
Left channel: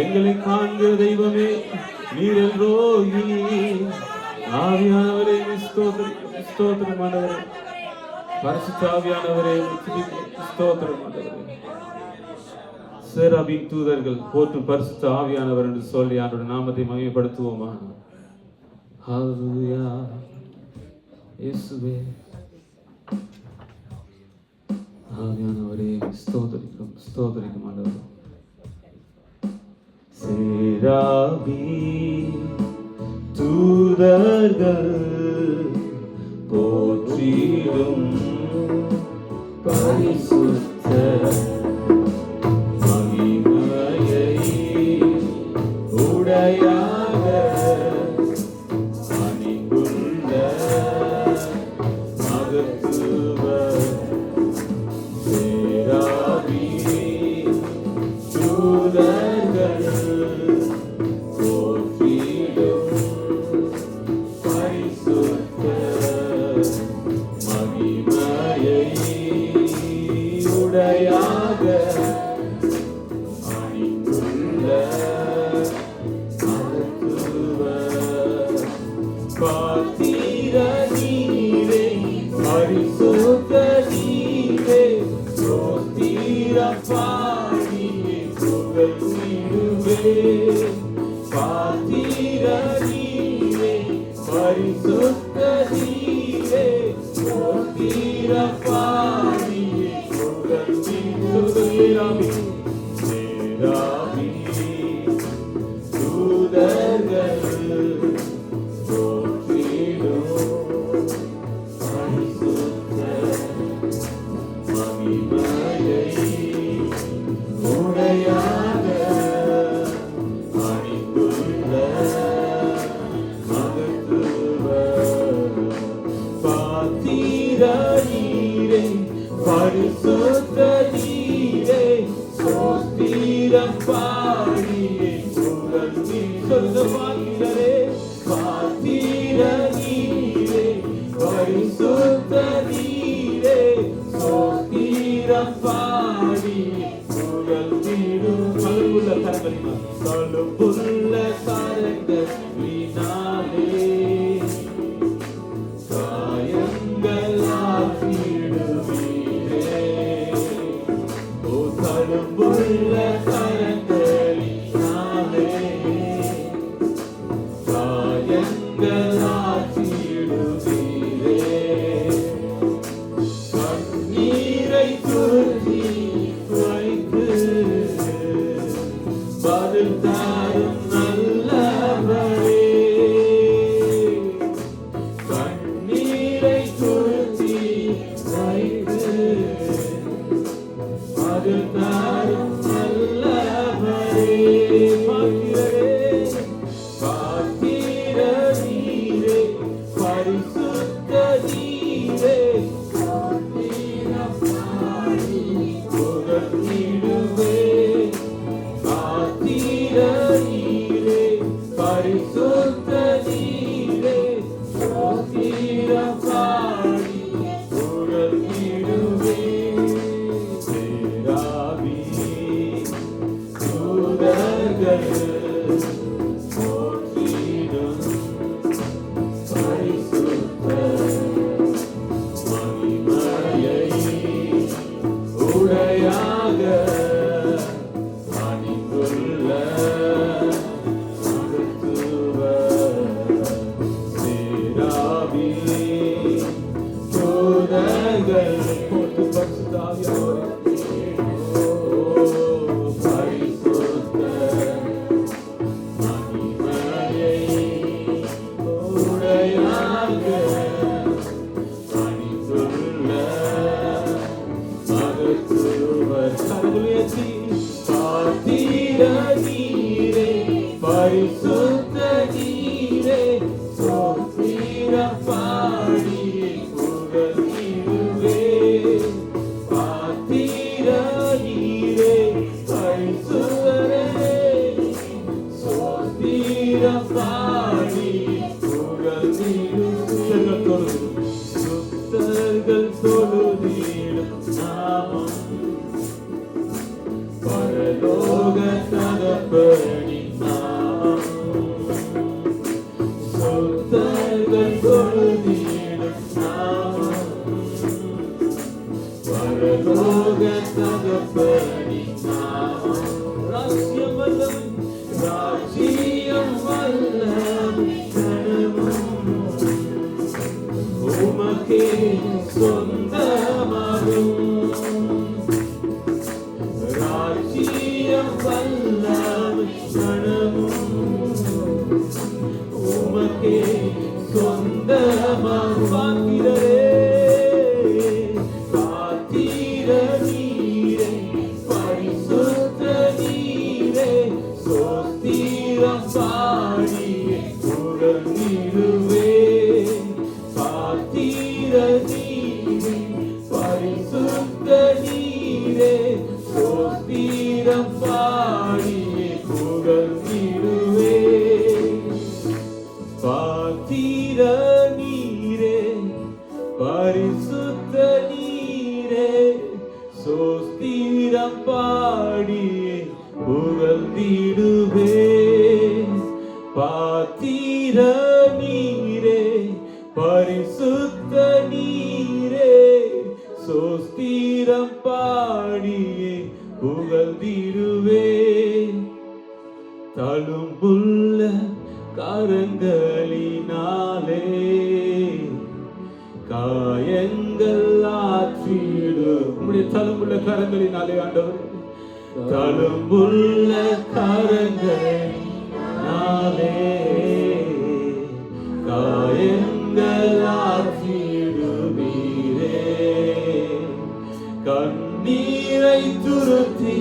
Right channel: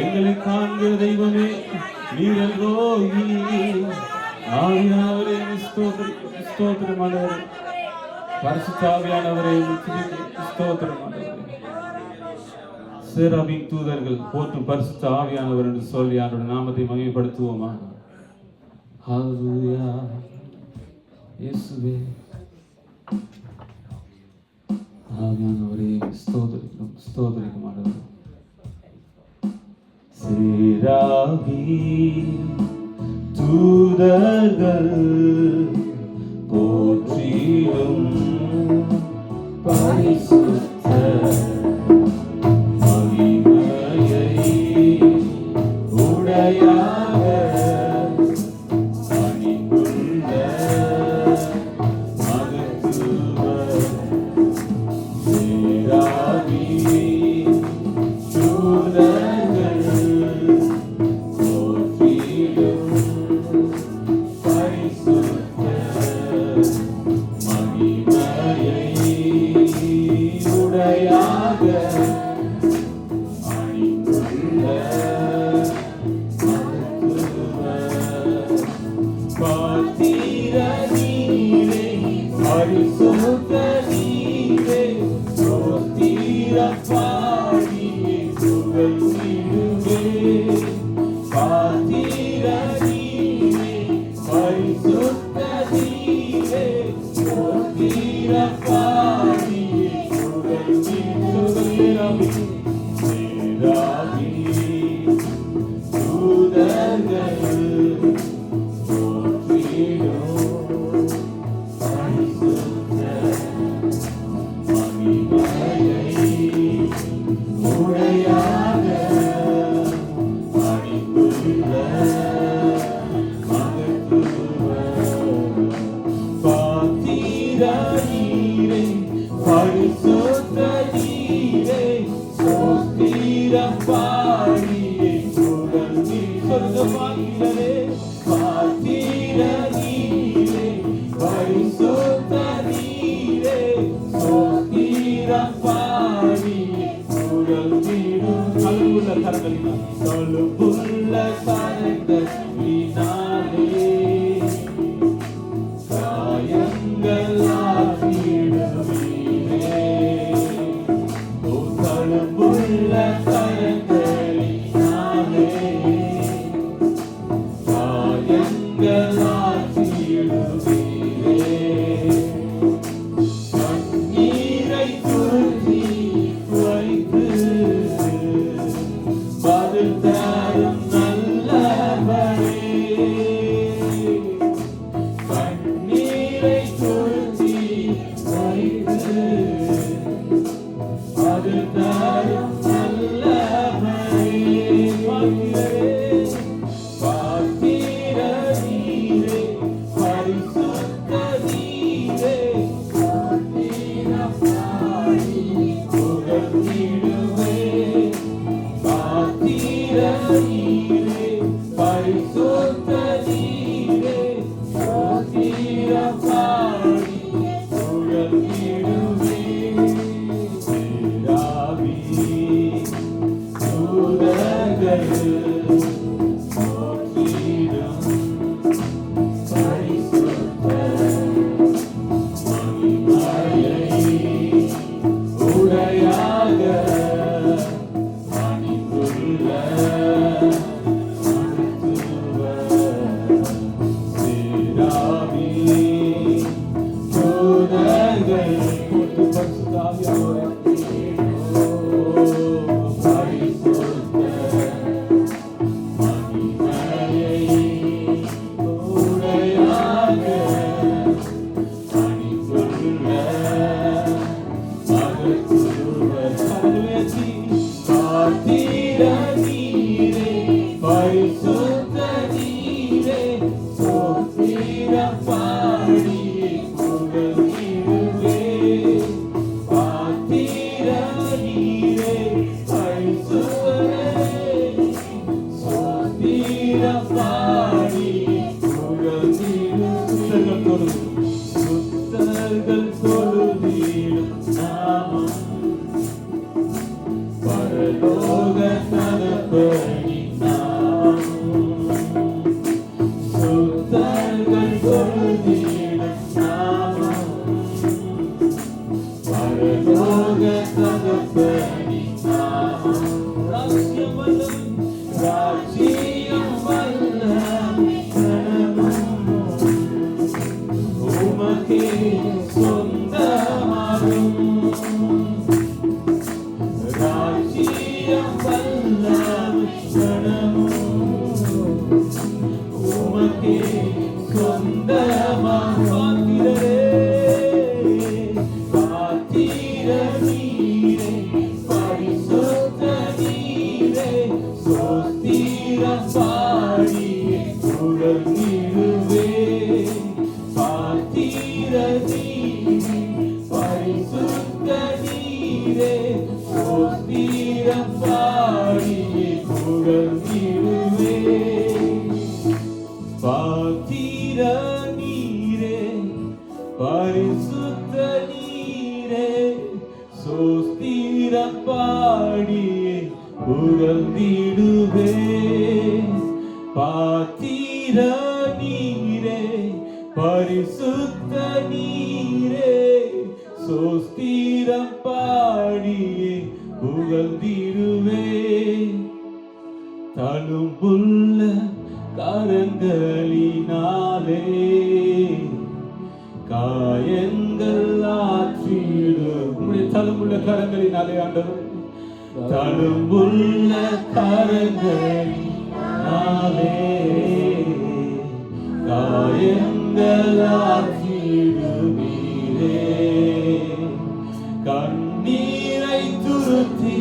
எங்களை காண்கிற தெய்வமே நீரல் ரோகி ஆவியானவரே ஸ்தோத்திரம் ஆண்டவரே. பரிசுத்த ஆவியானவரே ஸ்தோத்திரம் ஆண்டவரே. சேராபீன் தூதர்கள் போற்று பரிசுத்த ஆவியானவர் என்று சொல்லி அவருடைய நாமத்தை மகிமைப்படுத்துவோமா? ஹல்லேலூயா இயேசுவே. ஆவியானவரே ஸ்தோத்திரிக்கும் ஸ்தோத்திரிக்கும் ஆண்டவரே. சேராபீன் தூதர்கள் போற்றிடும் பரிசுத்த மகிமையை உடையாக அணிந்துள்ள மகத்துவ சேராபீன் தூதர்கள் போற்றிடும் பரிசுத்த மகிமையை பொழுதிடும் நாமம் பரலோக தகப்பனின் நாமம் ராஜ்யம் வல்லமை கனமும் உமக்கே சொந்தமாகும் ராஜ்யம் வல்லமை கனமும் உமக்கே சொந்தமாகும் பாத்திர நீரே பரிசுத்த நீரே சோஸ்திரம் பாடியே புகழ்ந்திடுவே பாத்திர நீரே பரிசுத்த நீரே சோஸ்திரம் பாடியே புகழ்ந்திடுவே பாத்திர நீரே பரிசுத்த நீரே சோஸ்திரம் பாடியே புகழ்ந்திடுவே பாத்திர நீரே பரிசுத்த நீரே சோஸ்திரம் பாடியே புகழ்ந்திடுவே தழும்புள்ள கரங்களினாலே காயங்கள் ஆற்றிடு உம்முடைய தழும்புள்ள கரங்களினாலே ஆண்டவர் தழும்புள்ள கரங்களினாலே காயங்கள் ஆற்றிடுவீரே கண்ணீரை துருத்தி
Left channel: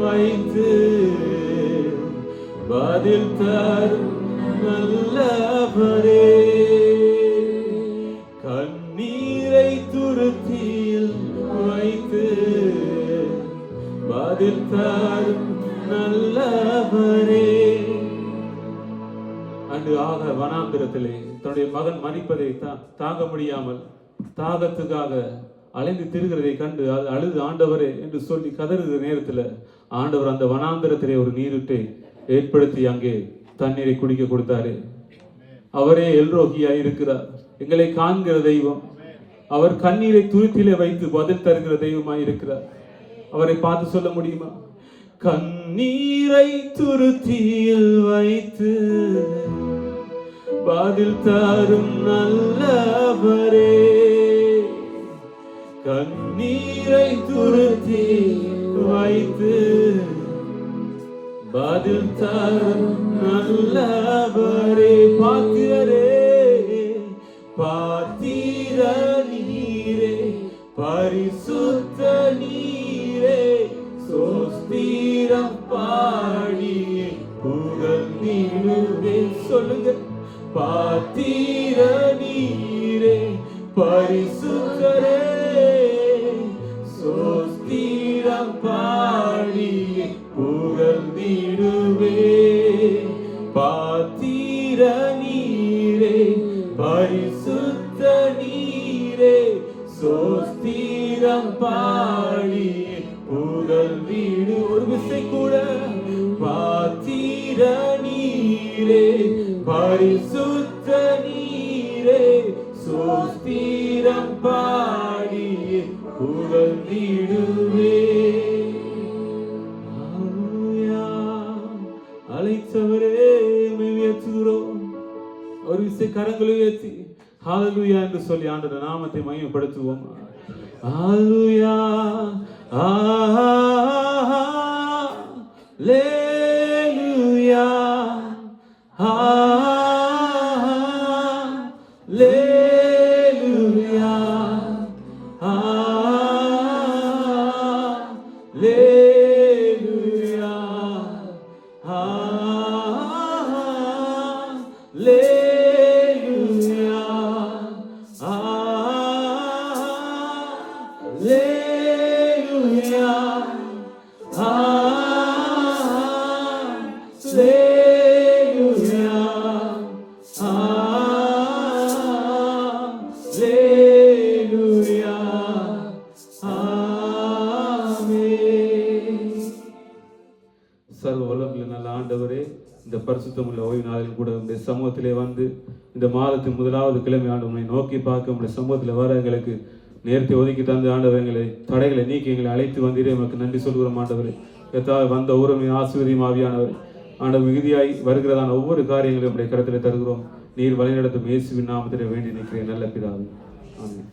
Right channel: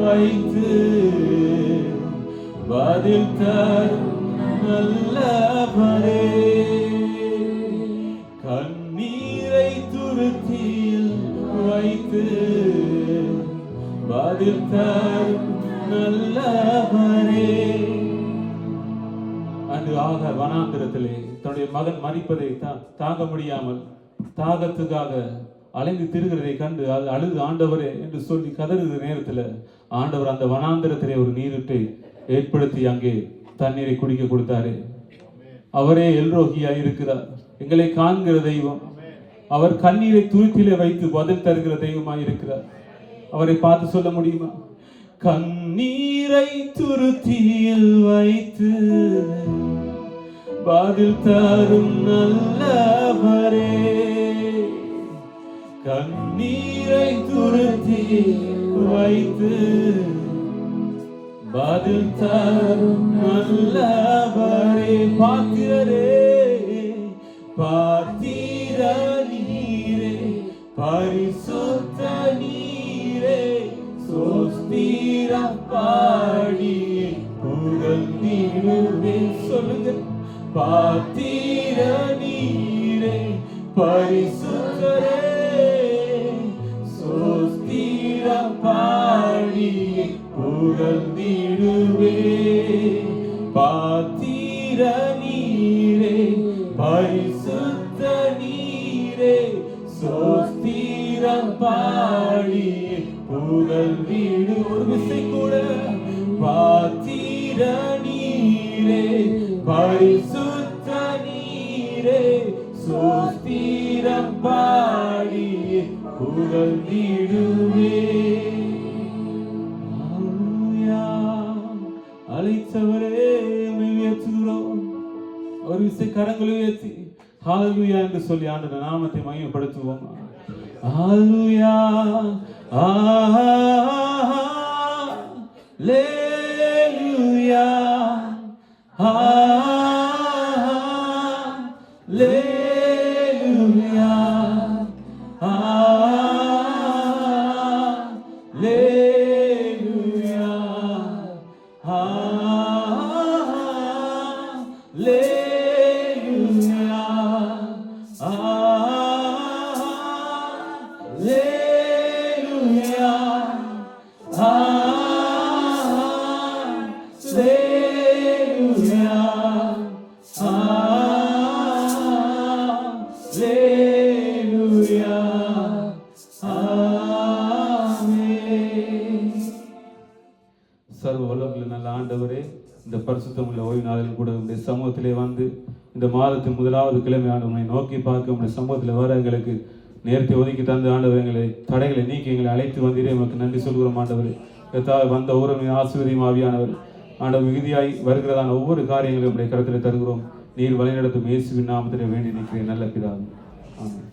வைத்து பதில் தரும் நல்லவரே கண்ணீரை துருத்தியில் வைத்து பதில் தரும் நல்லவரே அன்று ஆக வனாந்திரத்திலே தன்னுடைய மகன் மரிப்பதை தாங்க முடியாமல் தாகத்துக்காக அலைந்து திரிகிறதை கண்டு அது அழுது ஆண்டவரே என்று சொல்லி கதறுகிற நேரத்தில் ஆண்டவர் அந்த வனாந்திரத்திலே ஒரு நீருட்டை ஏற்படுத்தி அங்கே தண்ணீரை குடிக்க கொடுத்தாரு. அவரே எல்ரோகியாய் இருக்கிறார், எங்களை காண்கிற தெய்வம். அவர் கண்ணீரை துருத்திலே வைத்து பதில் தருகிற தெய்வமாய் இருக்கிறார். அவரை பார்த்து சொல்ல முடியுமா? கண்ணீரை துருத்தியில் வைத்து பதில் தரும் நல்லவரே கண்ணீரை துருத்தி வைத்து பதில் தரும் நல்லவரே பாத்திரரே பாத்திர நீரே பரிசுத்த நீரே சோஸ்திரம் பாடியே புகழ்ந்திடுவே சொல்லுங்க பாத்திர நீரே பரிசுத்தரே சோஸ்திரம் பாடியே புகழ்ந்திடுவே பாத்திர நீரே பரிசுத்த நீரே சோஸ்திரம் பாடியே புகழ்ந்திடு ஒரு விசை கூட பாத்திர நீரே பரிசுத்த நீரே சோஸ்திரம் பாடியே புகழ்ந்திடுவே அழைத்தவரே உயர்த்துகிறோம். ஒரு விசை கரங்களை உயர்த்தி ஹalleluya என்று சொல்லி ஆண்டவருடைய நாமத்தை மகிமைப்படுத்துவோம். ஹalleluya ஹalleluya ஹalleluya ஹalleluya சர்வ வல்லமையுள்ள நல்ல ஆண்டவரே, இந்த பரிசுத்தமுள்ள ஓய்வு நாளிலும் கூட உங்களுடைய சமூகத்திலே வந்து இந்த மாதத்தின் முதலாவது கிழமை ஆண்டவரை நோக்கி பார்க்க உங்களுடைய சமூகத்தில் வர எங்களுக்கு நேர்த்தி ஒதுக்கி தந்து ஆண்டவர் எங்களை தடைகளை நீக்கி எங்களை அழைத்து வந்தீரே, உங்களுக்கு நன்றி சொல்கிறோம் ஆண்டவர். எத்தாவது வந்த ஊரமை ஆசிர்வதியும் ஆவியானவர் ஆண்டவர் மிகுதியாய் வருகிறதான ஒவ்வொரு காரியங்களையும் உடைய கருத்தில் தருகிறோம். நீர் வழிநடத்தும் இயேசுவின் நாமத்திலே வேண்டி நிற்கிறேன் நல்ல பிதாவே. ஆமென்.